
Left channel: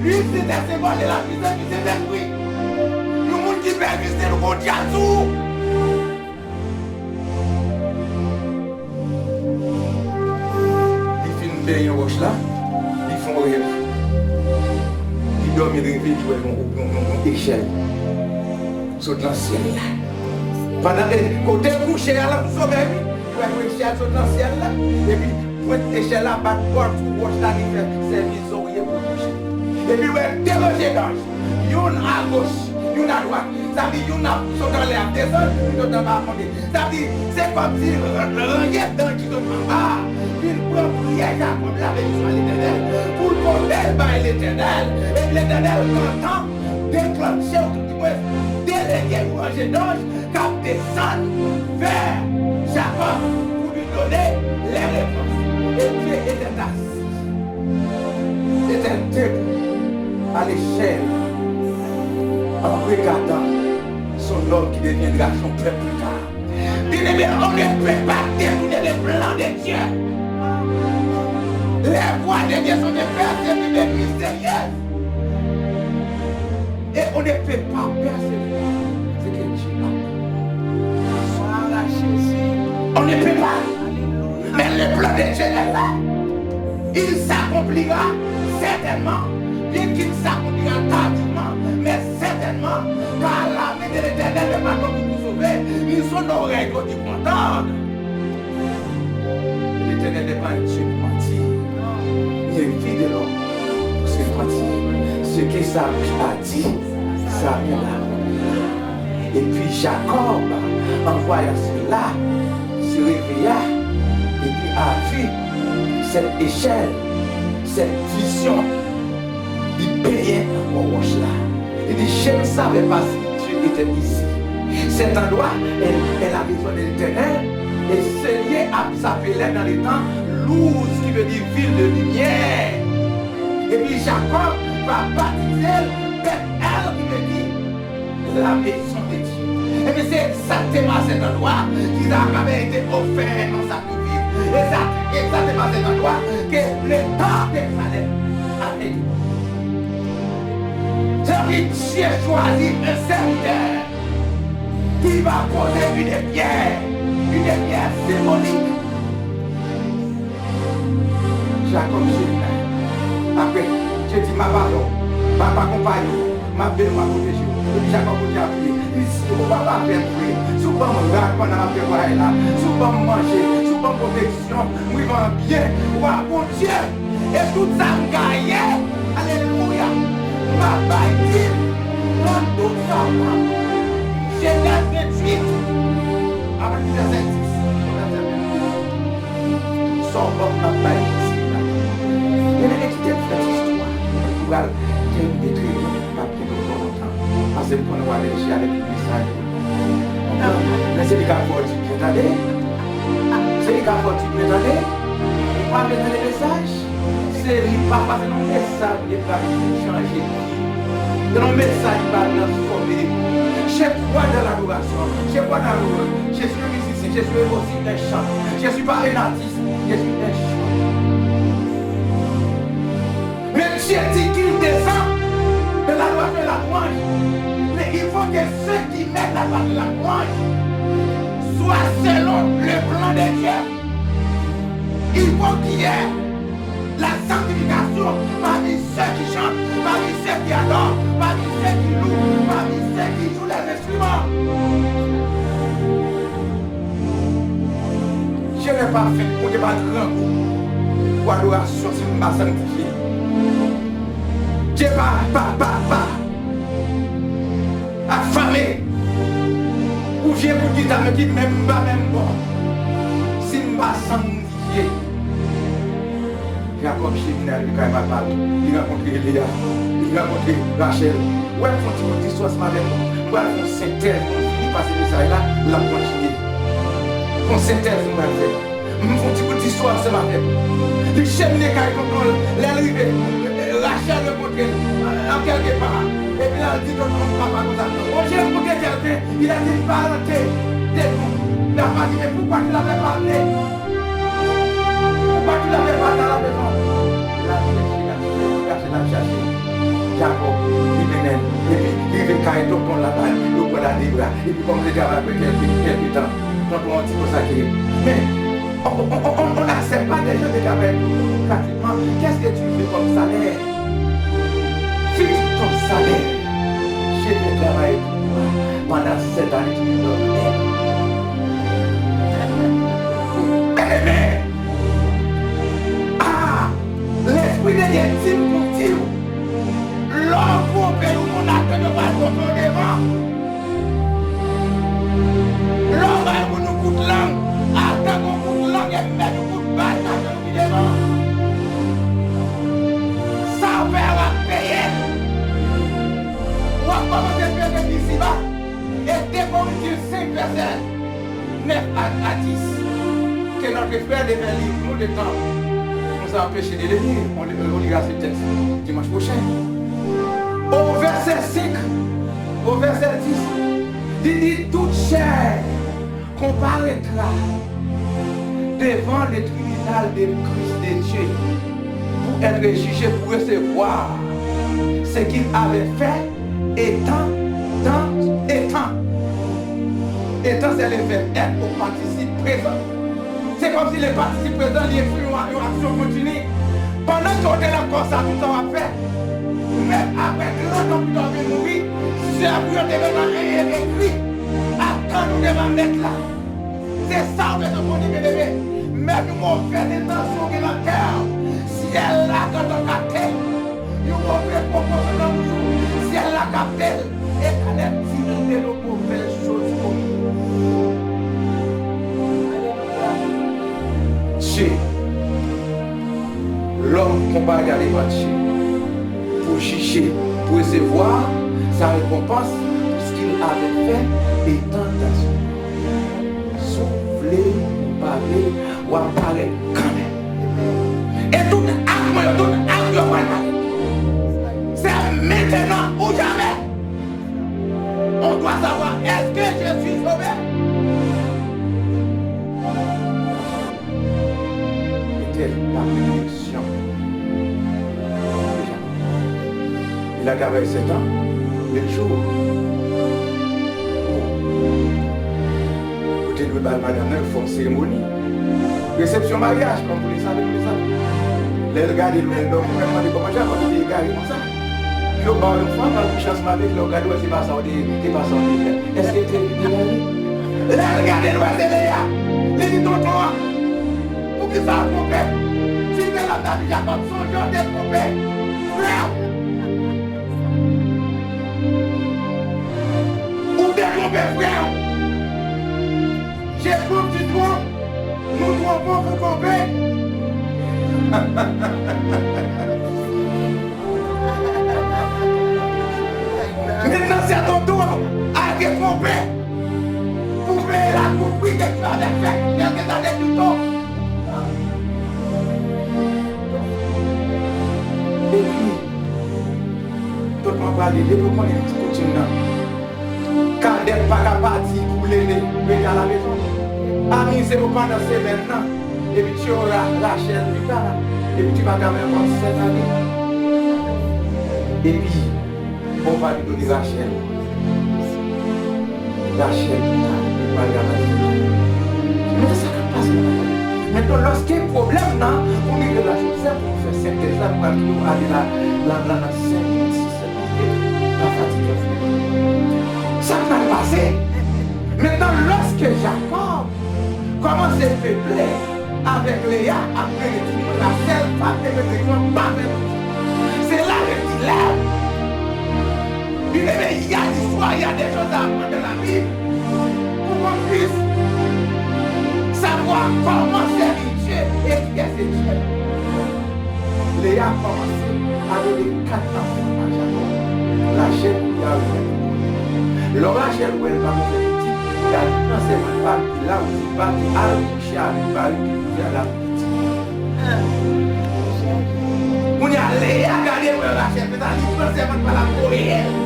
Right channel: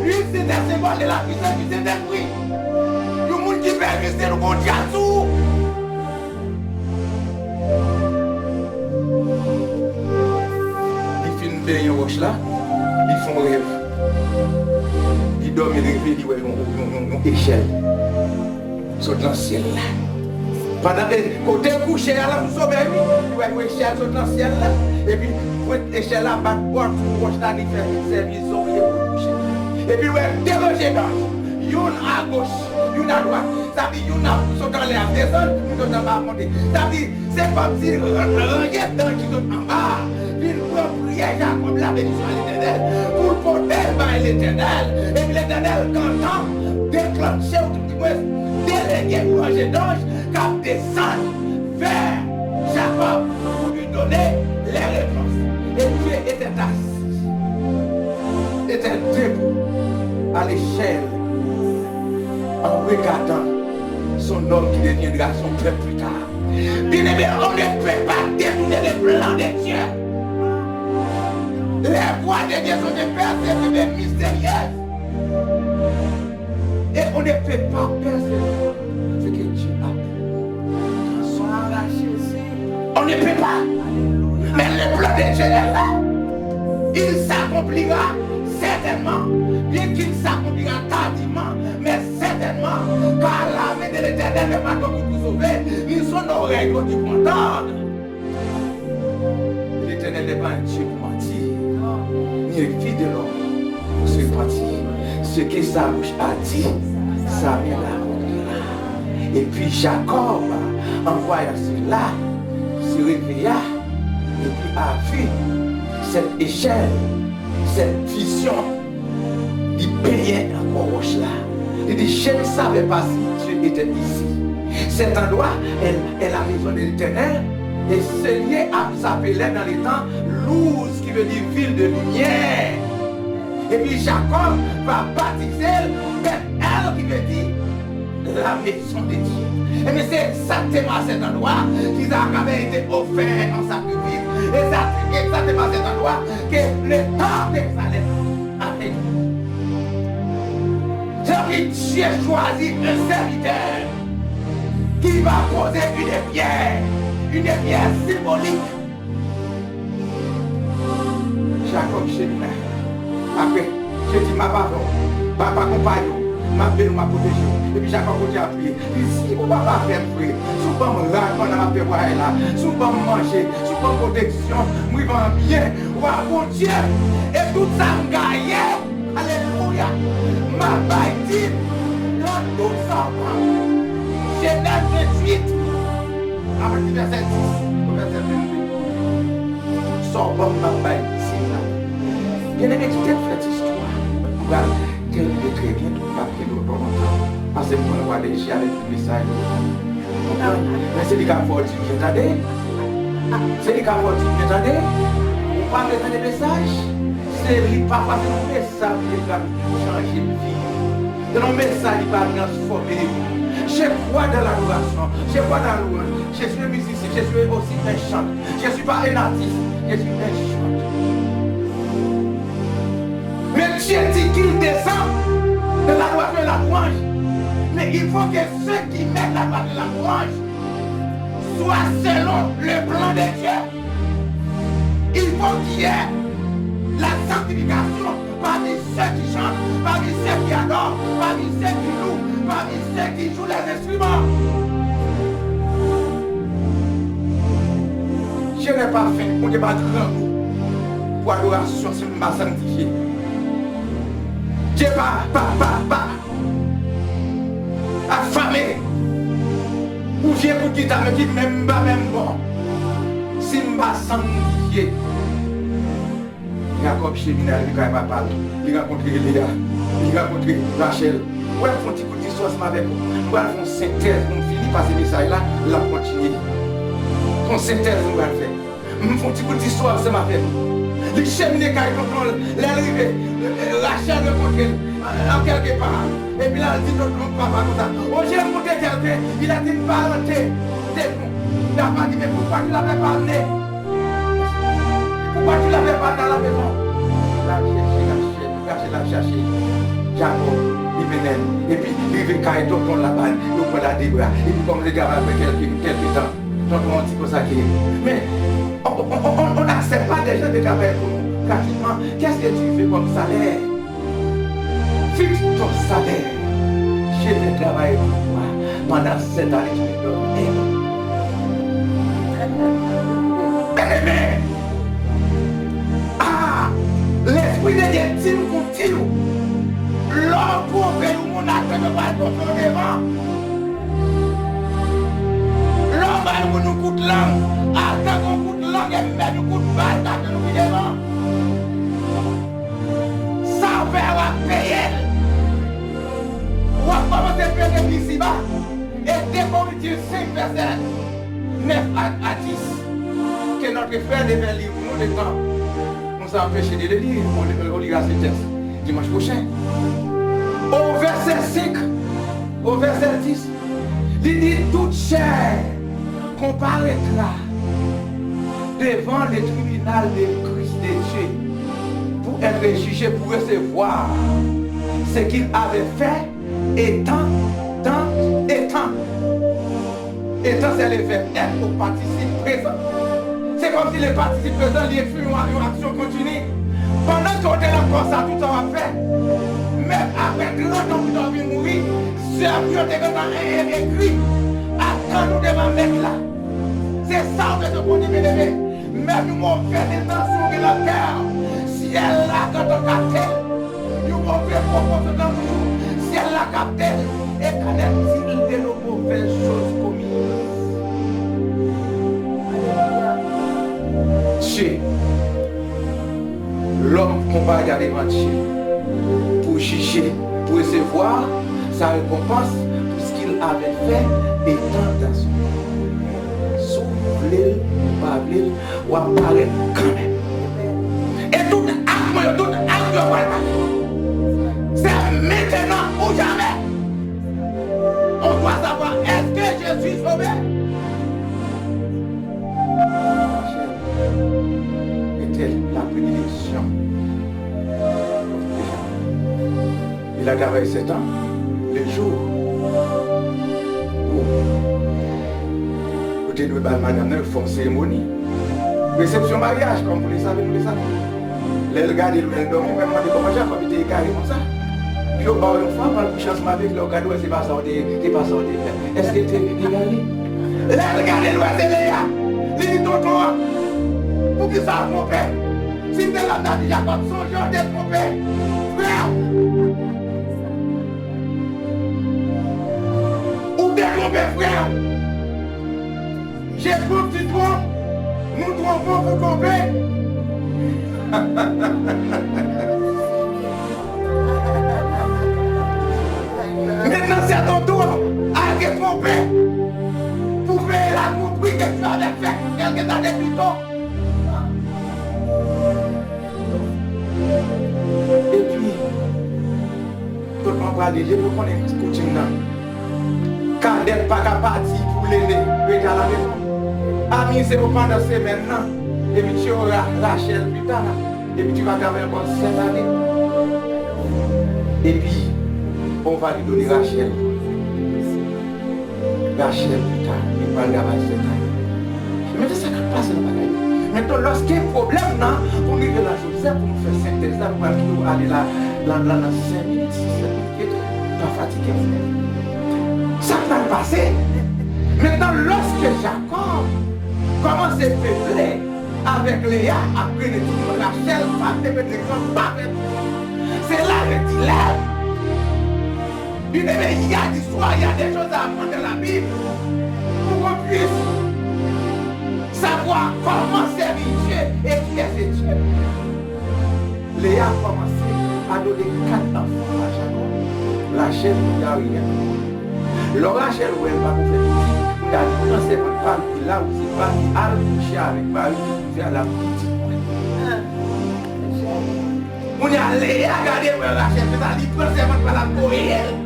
Lui, c'est des secondes de la puissance du Saint-Esprit. Le monde qui perd, c'est le bon diazou. Ils finissent bien une roche là, ils font rêve. Ils dorment, ils rêvent, ils voient une échelle. Saute dans le ciel là. Pendant que côté couché là, vous sauvez, il voit une échelle saute dans le ciel là. Et puis, pour l'échelle là, bat bord pour roche là, il fait service oreiller pour coucher. Et puis, ouais, déroger d'ange. Y'en à gauche, y'en à droite. Ça veut dire y'en a sauté dans l'air, descendre, y'en a bas monter. Ça veut dire, c'est comme si le rangé d'ange qui saute en bas. Il prend prière Jacob, la bénédiction à l'Éternel, pour le porter par l'Éternel. Et puis l'Éternel, quand déclenché, délégué ou rangé d'ange, qui descend vers Jacob pour lui donner les réponses. Et Dieu était assis, était debout à l'échelle, en regardant son homme qui deviendra son peuple plus tard. Bien-aimé, on ne peut pas détourner les plans de Dieu. Les voies de Dieu sont des persécutions mystérieuses. Et on ne peut pas percevoir ce que Dieu a pour. On ne peut pas. Mais le plan de Dieu est là. Il s'accomplira certainement. Bien qu'il s'accomplira tardivement, mais certainement, par la main de l'Éternel, le bâton pour vous sauver, ils sont nos règles qui contendent. L'Éternel n'est pas un Dieu pour mentir, ni un fils de l'homme pour se mentir. Ce que sa bouche a dit, sa main l'a. Et puis Jacob, en voyant cela, se réveilla et puis a vu cette échelle, cette vision. Il payait encore roche là. Il dit, je ne savais pas si Dieu était ici. Cet endroit est la maison de l'Éternel. Et ce lieu s'appelait dans les temps Luz, qui veut dire ville de lumière. Et puis Jacob va baptiser Bethel, qui veut dire la maison de Dieu. Et bien c'est exactement à cet endroit qu'Isaac avait été offert en sacrifice. Et c'est exactement à cet endroit que le temps de Salem a été. Dieu choisit un serviteur qui va poser une pierre symbolique. Jacob Chénin. Après, je dis ma pardon, papa compagnon, ma belle, ma protection. Et puis Jacob continue à prier. Il dit, si vous ne pouvez pas faire prier, si vous ne pouvez pas me pendant ma prière là, si vous ne pouvez pas manger, si vous ne pouvez pas protection, vous allez bien, bon Dieu. Et tout ça me gagne. Alléluia. Ma bâtisse dans tout ça. Genèse 28, après le verset 10, au verset 22. Tout ça, ma bâtisse là. Il y a une étude de cette histoire. Nous allons terminer très bien, pas plus longtemps. Parce que nous allons aller avec le message. Mais c'est les gars qui vont dire, attendez. C'est les gars qui vont dire, attendez. On va mettre des messages. C'est pas parce que nos messages qui va changer de vie. Nos messages qui va transformer. Je crois dans l'adoration. Je crois dans l'adoration. Je suis un musicien. Je suis aussi un chanteur. Je ne suis pas un artiste. Je suis un chanteur. Mais Dieu dit qu'il descend de la louange et la louange. Mais il faut que ceux qui mettent la part de la louange soient selon le plan de Dieu. Il faut qu'il y ait la sanctification parmi ceux qui chantent, parmi ceux qui adorent, parmi ceux qui louent, parmi ceux qui jouent les instruments. Je n'ai pas fait pour ne pas grand goût pour l'adoration si je ne m'ai sanctifié. Je n'ai pas affamé ou viens pour dire mais qui même pas même bon si je ne m'ai sanctifié. Jacob Cheminal, il a parlé, il a rencontré Léa, il a rencontré Rachel. Ouais, il faut un petit peu d'histoire ce matin. Nous allons faire une synthèse, on finit par ces messages-là, là, on continue. Une synthèse, nous allons faire. Nous faisons un petit peu d'histoire ce matin. Les chemins qui contrôlent l'arrivée, Rachel le contrôle en quelque part. Et puis là, elle dit notre papa comme ça. Oh, j'ai rencontré quelqu'un, il a dit une parenté de nous. Il n'a pas dit, mais pourquoi tu ne l'avais pas amené? Pourquoi tu ne l'avais pas dans la maison? La chercher. Jacob, il venait. Et puis, il venait quand il tombe là-bas, il prend la débra. Et puis, comme je dis, après quelques temps, tonton, on dit pour ça qu'il est. Mais, on n'accepte pas des gens de travailler pour nous gratuitement. Qu'est-ce que tu fais comme salaire? Fixe ton salaire. Je vais travailler pour toi pendant 7 années, tu me donnes. Amen. Ah, l'esprit de Dieu dit pour dire, l'homme pour faire mon acte de pas contrôler devant. L'homme a un coup de langue, attend qu'on coup de langue et met un coup de balle dans le coup devant. Ça va payer. On va commencer à faire des ici-bas. Et dès qu'on utilise 5 versets, 9 à 10, que notre frère devait lire nous le temps. On s'est empêché de le lire. On lira ce texte dimanche prochain. Au verset 5, au verset 10, il dit toute chair comparaîtra devant le tribunal de Christ de Dieu pour être jugé, pour recevoir ce qu'il avait fait étant, c'est le verbe être au participe présent. C'est comme si le participe présent lui fait une action continue. Pendant qu'on est encore ça, tout ça va faire. Même après grand homme qui doit mourir, c'est un peu de écrit. Attends, nous devons mettre là. C'est ça que nous devons dire. Même nous avons fait des intentions dans la terre. Si elle l'a quand on capte, nous avons fait proposer dans nous. Si elle l'a capté, et qu'en est-il de nos mauvaises choses commises? Dieu, l'homme qu'on va regarder devant Dieu pour juger, pour recevoir sa récompense pour ce qu'il avait fait étant dans son corps. Souffler, ou parler, ou apparaître quand même. Et tout acte, c'est maintenant ou jamais. On doit savoir, est-ce que je suis sauvé? La bénédiction. Il a gardé 7 ans, le jour où vous devez madame font une cérémonie, réception mariage, comme vous le savez, nous le savons. Les regarder le même dormir, même de comment j'ai comme il était carré comme ça. Puis au bas une fois, par le changement avec le regard, c'est pas ça, c'est pas ça, est-ce que tu es allé? Les regarder le Léa, les tonton. Pour qui ça a trompé? Si tu es là, il y a comme son genre de trompé. Frère! Ou détrompé, frère! J'ai trouvé que tu trompes. Nous trompons pour tromper. Maintenant, c'est à ton tour à être trompé. Pour payer la compris que tu avais fait quelques années plus tôt. Et puis, tout le monde va aller, je veux qu'on ait un coutume là. Quand des pas parti pour l'aider, rester à la maison. Ami, c'est pour pendant cette semaine là. Et puis tu auras Rachel plus tard. Et puis tu vas quand même avoir 7 années. Et puis, on va lui donner Rachel. Rachel plus tard. Il va garder 7 années. Mais ça n'a pas passé dans la vie. Maintenant, lorsqu'il y a un problème, on est de la Joseph pour nous faire synthèse là, pour nous aller là, dans 5 minutes, 6 minutes, pas fatigué. Ça va passer. Maintenant, lorsque Jacob commence à faiblir avec Léa, après le tout, Rachel, femme de protection, pas de c'est là qu'il lève. Il y a des histoires, il y a des choses à apprendre dans la Bible pour qu'on puisse savoir comment servir Dieu et qui est ce Dieu. Léa a commencé à donner 4 enfants à Jacob. Rachel, il y a rien. Le Rachel, où elle va vous faire petit, il a dit non, c'est votre femme qui l'a aussi pas, qui a le coucher avec Marie qui pouvait à la petite. On y a Léa, regardez où Rachel, c'est à l'histoire, c'est votre femme pour elle.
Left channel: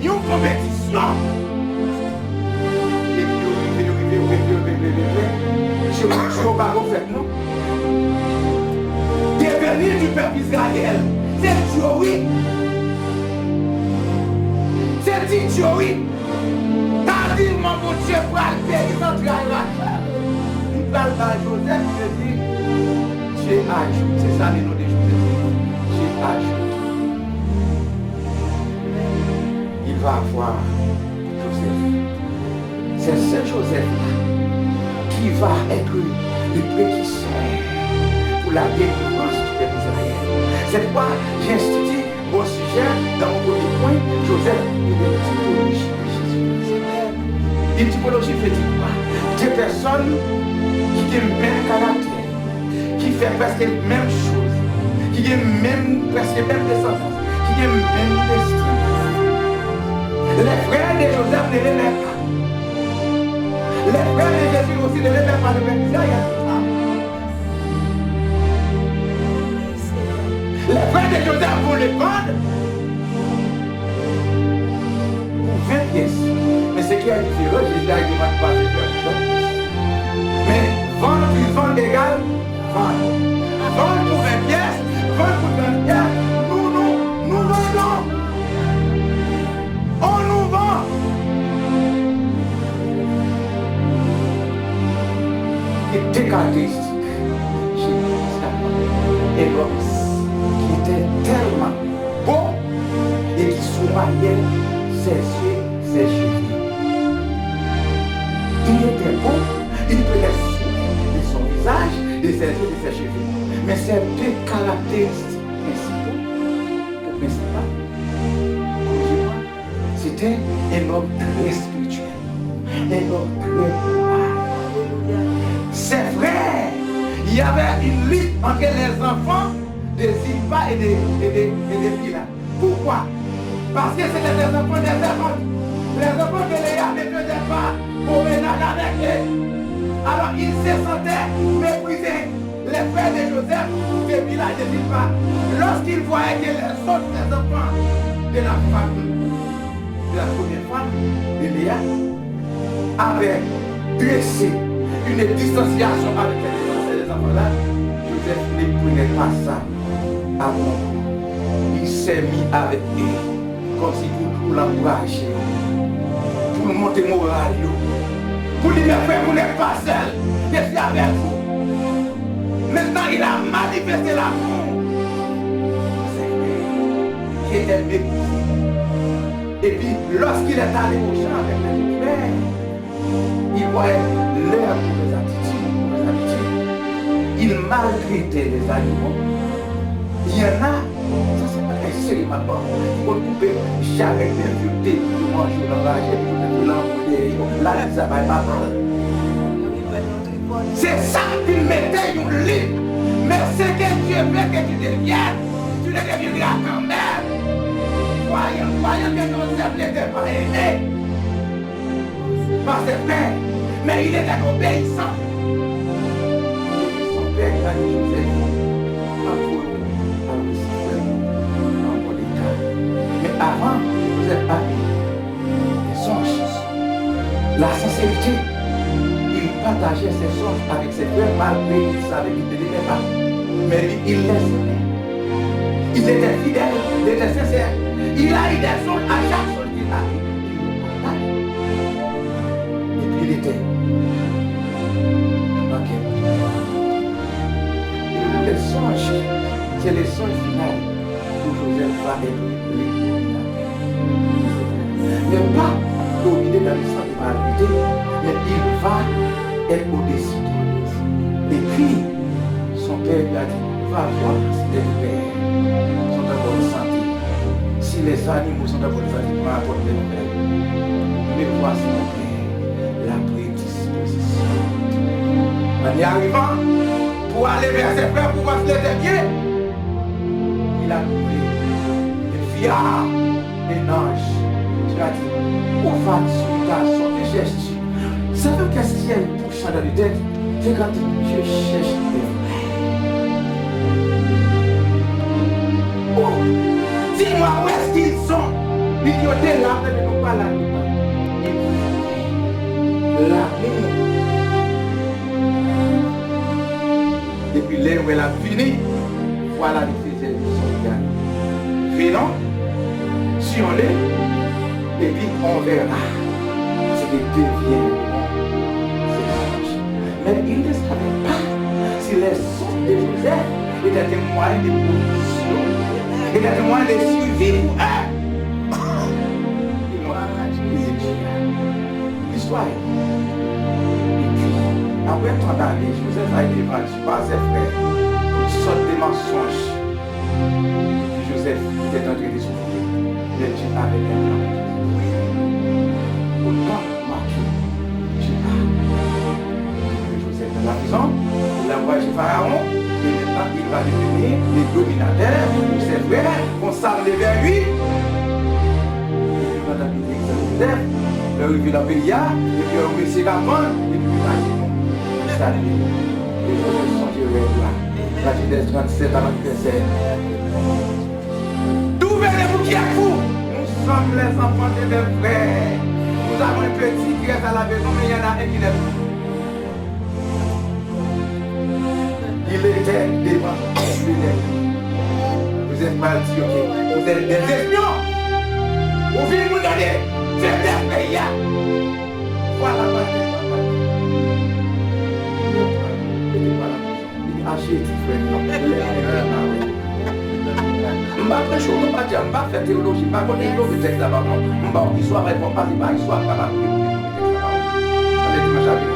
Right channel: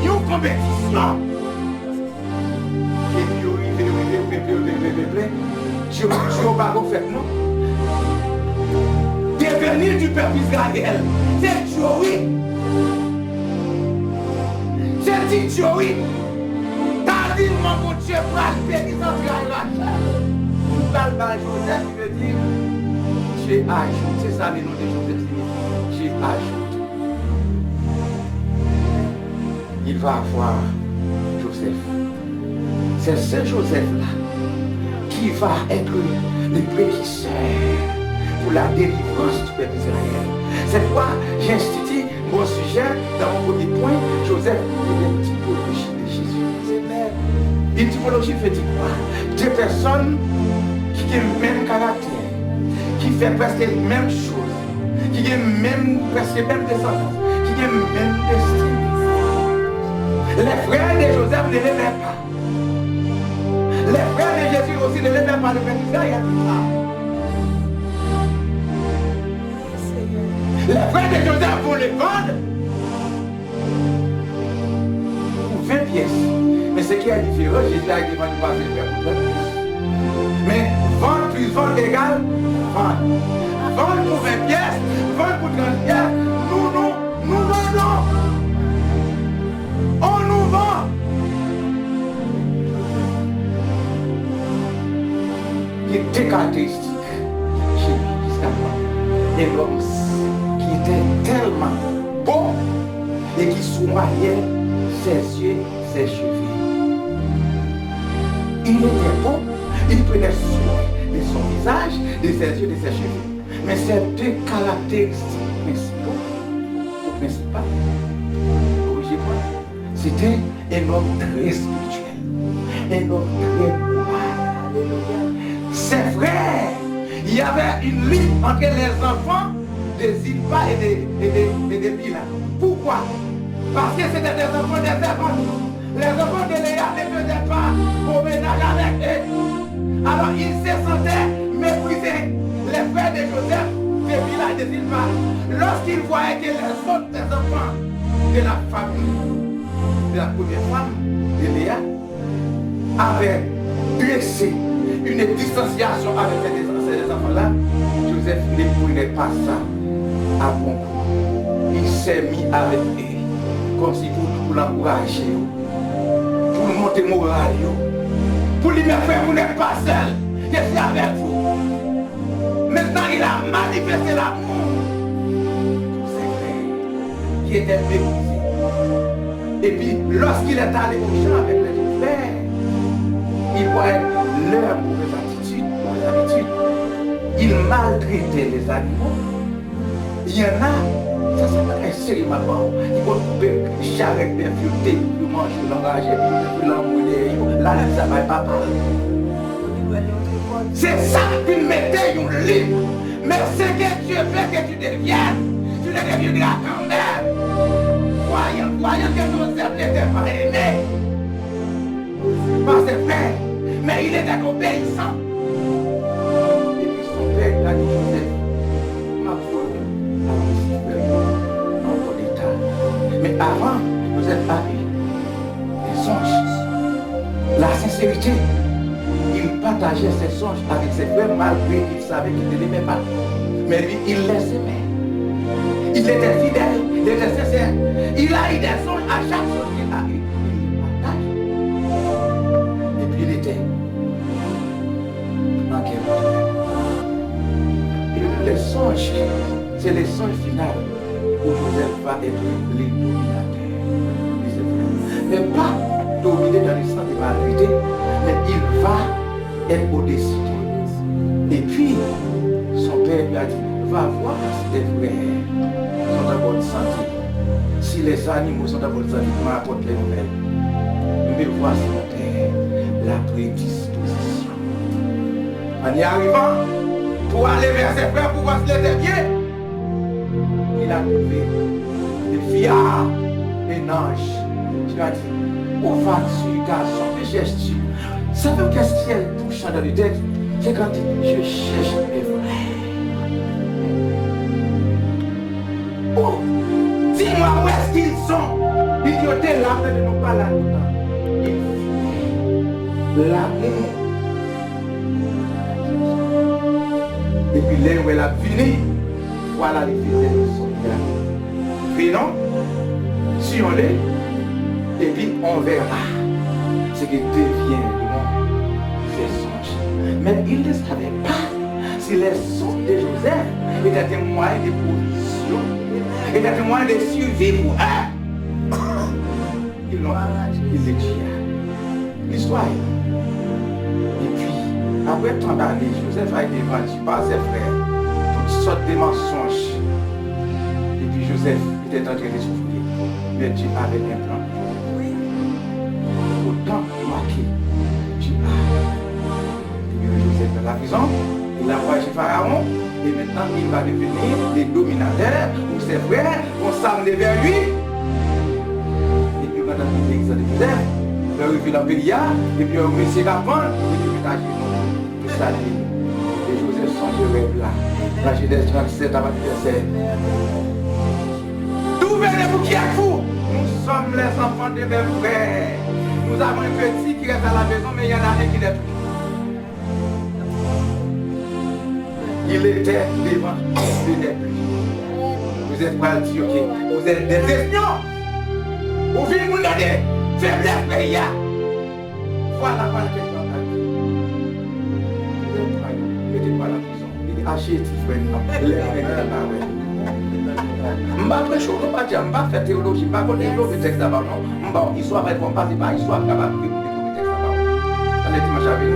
Il y a une compétition. Et puis, je ne pas fait, non? Devenir du peuple Israël, c'est Joï. C'est dit Joï. T'as dit, mon Dieu, pour aller central Rachel. Nous parlons Joseph, il dit, Dieu ajoute. C'est ça le nom de Joseph. Dieu ajoute. Il va avoir Joseph. C'est ce Joseph-là qui va être le précurseur pour la délivrance du peuple d'Israël. C'est pourquoi j'ai institué mon sujet dans mon premier point, Joseph, une typologie de Jésus. Une typologie veut dire quoi? Deux personnes qui ont le même caractère, qui font presque la même chose, qui ont presque la même descendance, qui ont le même destin. Les frères de Joseph ne l'aimaient pas. Les frères de Jésus aussi ne l'aimaient pas. Le peuple d'Israël. Les frères de Joseph vont les vendre pour 20 pièces. Mais ce qui est différent, Jésus a dit qu'il ne va pas les faire pour 20 pièces. Mais vendre plus vendre égale vendre. Vendre pour 20 pièces, vendre pour 30 pièces, nous vendons. On nous vend. Il y a des caractéristiques chez lui, un homme qui était tellement beau et qui souriait ses yeux, ses cheveux. Il était beau, il prenait soin de son visage, de ses yeux, de ses cheveux. Mais ces deux caractéristiques principales, corrigez-moi, c'était un homme très spirituel, un homme très moral. C'est vrai, il y avait une lutte entre les enfants de Zilpa et de Bila. Pourquoi? Parce que c'était des enfants des enfants. Les enfants de Léa ne faisaient pas au ménage avec eux. Alors ils se sentaient méprisés. Les frères de Joseph, de Bila et de Zilpa, lorsqu'ils voyaient que les autres des enfants de la famille, de la première femme, de Léa, avaient dressé une distanciation avec ces enfants-là, Joseph ne prenait pas ça à bon coup. Il s'est mis avec eux, comme si pour l'encourager, pour le monter moral, pour lui dire, frère, vous n'êtes pas seul, je suis avec vous. Maintenant, il a manifesté l'amour. C'est vrai, qui était méprisé. Et puis, lorsqu'il est allé au champ avec les frères, il voyait leur mauvaise habitude. Il maltraitait les animaux. Il y en a, ça c'est un série maintenant, ils vont couper charrette d'infirmité pour manger l'engagé, pour l'envoyer, là, ça va pas prendre. C'est ça qu'il mettait une livre. Mais ce que Dieu veut que tu deviennes, tu ne deviendras quand même. Voyant que Joseph n'était pas aimé par ses frères, mais il était obéissant. Et puis son père a dit Joseph, encore l'état. Mais avant, Joseph a eu des songes. La sincérité. Il partageait ses songes avec ses frères malgré qu'il savait qu'il ne l'aimait pas. Mais lui, il les aimait. Il était fidèle, il était sincère. Il a eu des songes à chaque songe qu'il a eu. Il les partage. Et puis il était en guerre. Et les songes, c'est les songes finales où Joseph va être l'illuminateur. Mais pas dominé dans le sens de malgré, mais il va être au-dessus. Et puis, son père lui a dit, va voir si tes frères sont en bonne santé. Si les animaux sont en bonne santé, m'apporte les nouvelles. Mais voici mon père, la prédisposition. En y arrivant, pour aller vers ses frères, pour voir si les bien, il a trouvé des fiards, des anges. Il a dit, où vas-tu, garçon, que cherches-tu? Savez-vous qu'est-ce qu'il y a une bouche dans le tête? C'est quand je cherche des frères. Oh, dis-moi où est-ce qu'ils sont? Ils étaient là, mais nous pas là longtemps. L'amour. Et puis là où elle a fini, voilà les faisait de son gars. Venons, si on l'est, et puis on verra ce que deviendront ces songes. Mais il ne savait pas si les songes de Joseph étaient un moyen de position, étaient un moyen de survie pour eux. Ils l'ont étudié. L'histoire. Et puis, après tant d'années, Joseph a été vendu par ses frères pour toutes sortes de mensonges. Et puis Joseph était en train de souffrir. Mais Dieu avait un plan. Autant marqué, Dieu a libéré Joseph dans la prison, il a envoyé chez Pharaon, et maintenant il va devenir le dominateur pour ses frères, vont s'amener vers lui. Et puis quand il est exilé Joseph, il a revu la Pélia, et puis on met ses campagnes, et puis il a dit non, le salut. Et Joseph songerait là. La Genèse 37 avant verset. D'où venez-vous qui êtes vous? Nous sommes les enfants de mes frères. Nous avons un petit qui reste à la maison, mais il y en a un qui n'est plus. Il était devant l'ennemi. Vous êtes mal dit, ok. Vous êtes des espions. Vous venez nous donner faiblesse pays. Voilà ma tête. Mettez pas la prison. Il dit, achetez, frère. Je ne vais pas dire, je ne vais pas faire théologie, je ne vais pas faire le texte d'abord. Non, l'histoire ne répond pas, c'est pas l'histoire capable de découvrir le texte d'abord. Ça les dimanche à venir.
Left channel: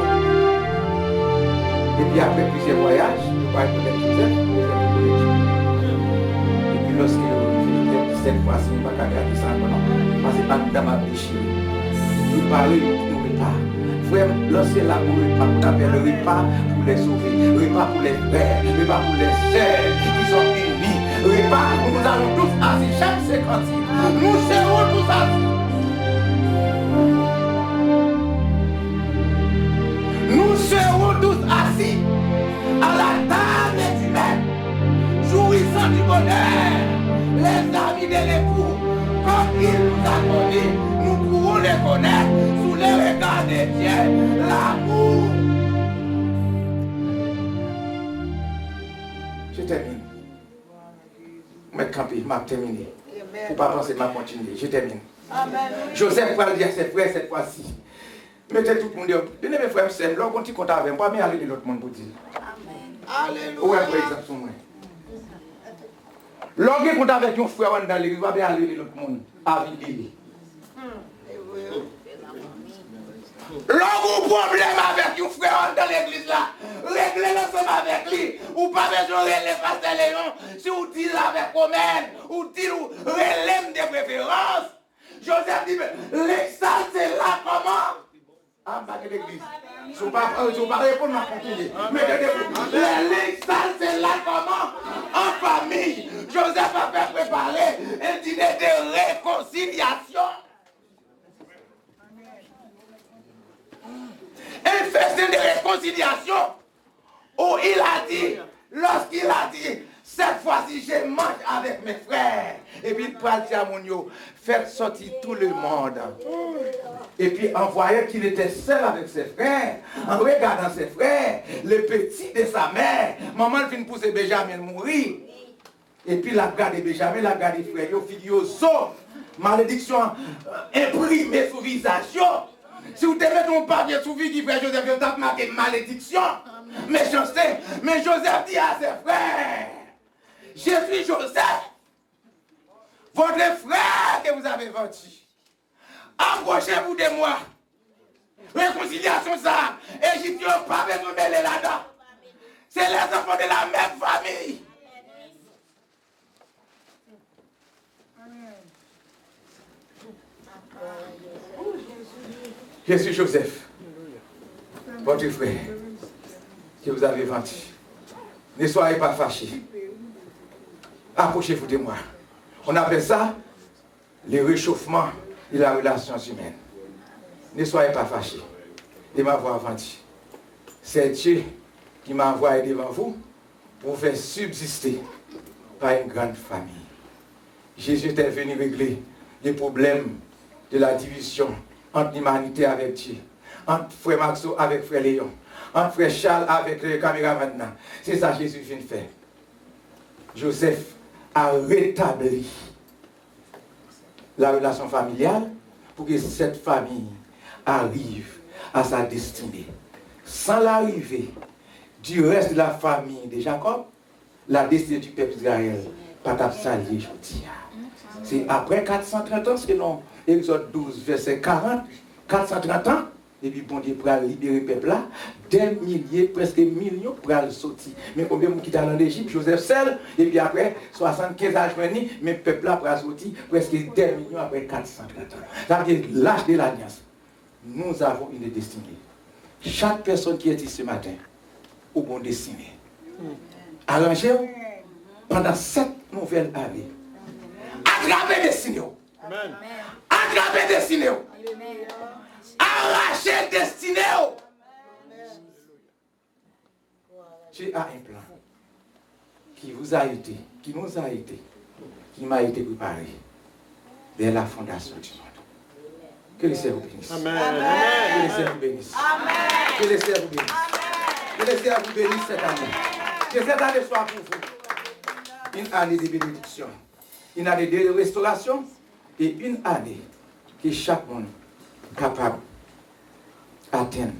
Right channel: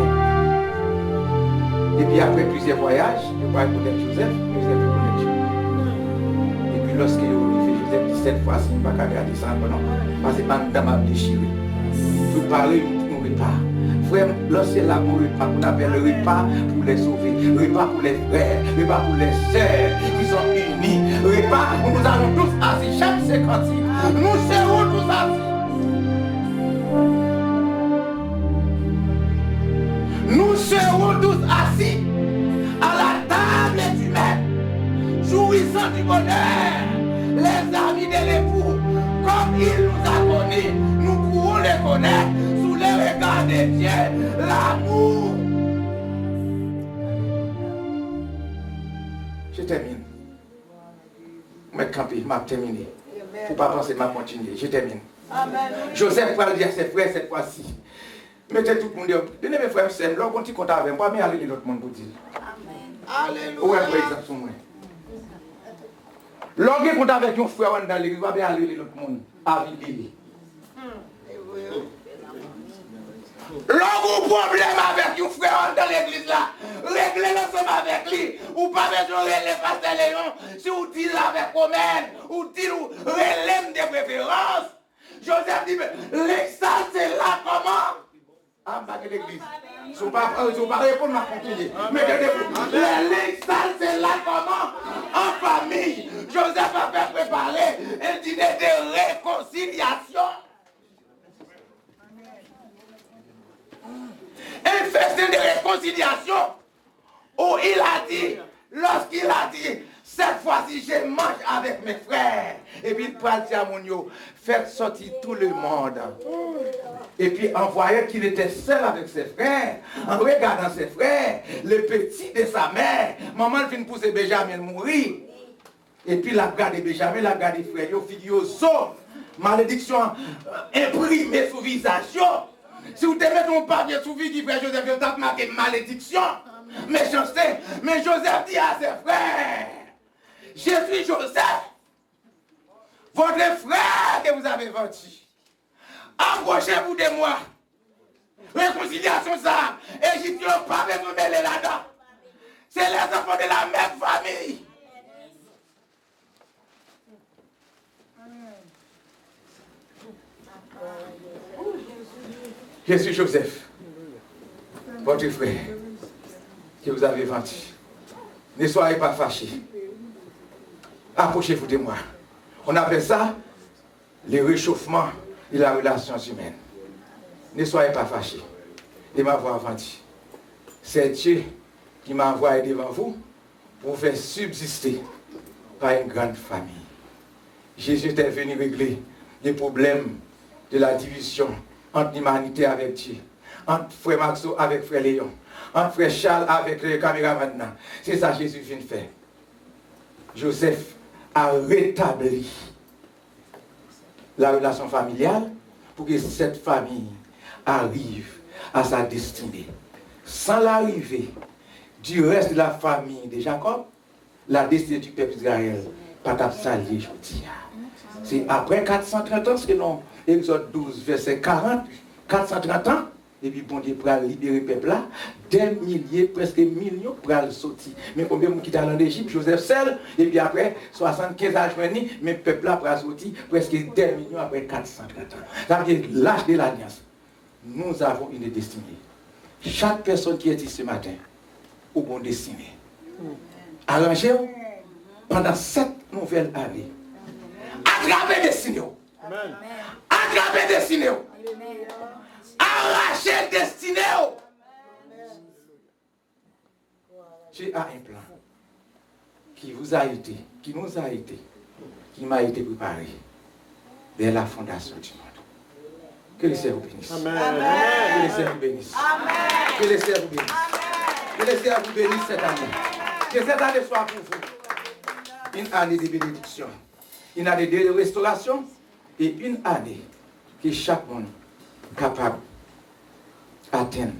Et puis après plusieurs voyages, je vais connaître Joseph, Joseph connaît Dieu. Et puis lorsque je fais Joseph, cette fois-ci, je ne vais pas garder ça, non, parce que c'est pas m'a déchiré. Je vais parler, nous repas. Frère, lorsque l'amour repas, on appelle le repas pour les sauver, repas pour les frères, repas pour les sœurs qui sont unis, repas où nous allons tous assis, chaque 56, nous serons tous assis. Nous serons tous assis à la table du maître, jouissant du bonheur, les amis de l'époux, comme il nous a connus, nous pourrons les connaître sous les regards de Dieu, l'amour. Je termine. Je camper, je termine. Il ne faut pas penser, je continuer. Je termine. Amen. Joseph va dire à ses frères cette fois-ci. Mettez tout le monde dire, donnez mes frères, c'est là, on compte avec moi, mais allez l'autre monde pour dire. Amen. Alléluia. Où est par exemple sur moi? Lorsque vous avez avec un frère dans l'église, vous allez aller l'autre monde avec lui. Lorsque vous avez un problème avec un frère dans l'église là, réglez l'ensemble avec lui. Ou pas besoin de les passer Léon. Si vous dites avec Omen, ou dites relève des préférences. Joseph dit, l'exal c'est là comment? Ah, pas que l'église. Si vous ne pouvez pas répondre, à continuer. Mais l'exal c'est là comment? En famille. Joseph a fait préparer un dîner de réconciliation. Un festin de réconciliation où il a dit, lorsqu'il a dit, cette fois-ci je mange avec mes frères. Et puis il peut dire à mon yo, faites sortir tout le monde. Et puis en voyant qu'il était seul avec ses frères, en regardant ses frères, le petit de sa mère, maman vient pousser Benjamin mourir. Et puis la garde de Benjamin, la garde des frères, yo figure sauf, malédiction imprimée sous visage. Si vous mettez ton papier sous vie, frère Joseph, vous avez marqué malédiction, méchanceté. Mais Joseph dit à ses frères, je suis Joseph, votre frère que vous avez vendu. Approchez-vous de moi. Réconciliation ça. Égyptiens pas besoin de mêler là-dedans. C'est les enfants de la même famille. Je suis Joseph, votre frère, que vous avez vendu. Ne soyez pas fâchés. Approchez-vous de moi. On appelle ça le réchauffement de la relation humaine. Ne soyez pas fâchés de m'avoir vendu. C'est Dieu qui m'a envoyé devant vous pour faire subsister par une grande famille. Jésus est venu régler les problèmes de la division entre l'humanité avec Dieu, entre frère Maxo avec frère Léon, entre frère Charles avec le caméraman. C'est ça que Jésus vient de faire. Joseph a rétabli la relation familiale pour que cette famille arrive à sa destinée. Sans l'arrivée du reste de la famille de Jacob, la destinée du peuple d'Israël pas s'allier aujourd'hui. C'est après 430 ans, selon Exode 12, verset 40, 430 ans, et puis bon Dieu pour libérer le peuple là, des milliers, presque millions pour aller sortir. Mais combien de gens qui en Égypte, Joseph seul, et puis après 75 ans, mais le peuple là pour sortir, presque des millions après 430 ans. Ça veut dire l'âge de l'alliance. Nous avons une destinée. Chaque personne qui est ici ce matin, au bon destiné. Arrangez-vous pendant 7 nouvelles années. Attrapez destinée. Attrapez destinée. Arrachez destinée. Dieu a un plan qui vous a été, qui nous a été, qui m'a été préparé dès la fondation du monde. Que le Seigneur vous bénisse. Amen. Que le Seigneur vous bénisse. Amen. Que le Seigneur vous bénisse. Que le Seigneur vous bénisse cette année. Que cette année soit pour vous une année de bénédiction, une année de restauration et une année que chaque monde est capable d'atteindre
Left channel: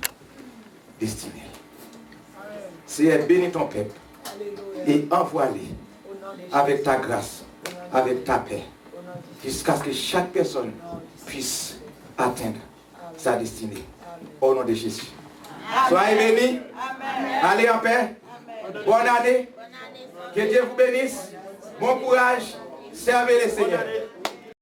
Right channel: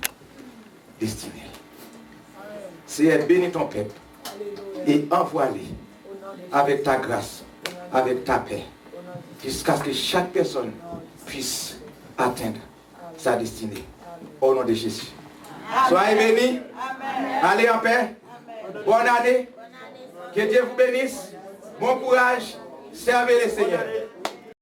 destinée. Seigneur, bénis ton peuple et envoie-les avec ta grâce, avec ta paix, jusqu'à ce que chaque personne puisse atteindre sa destinée. Au nom de Jésus. Soyez bénis. Allez en paix. Bonne année. Que Dieu vous bénisse. Bon courage. Servez le Seigneur.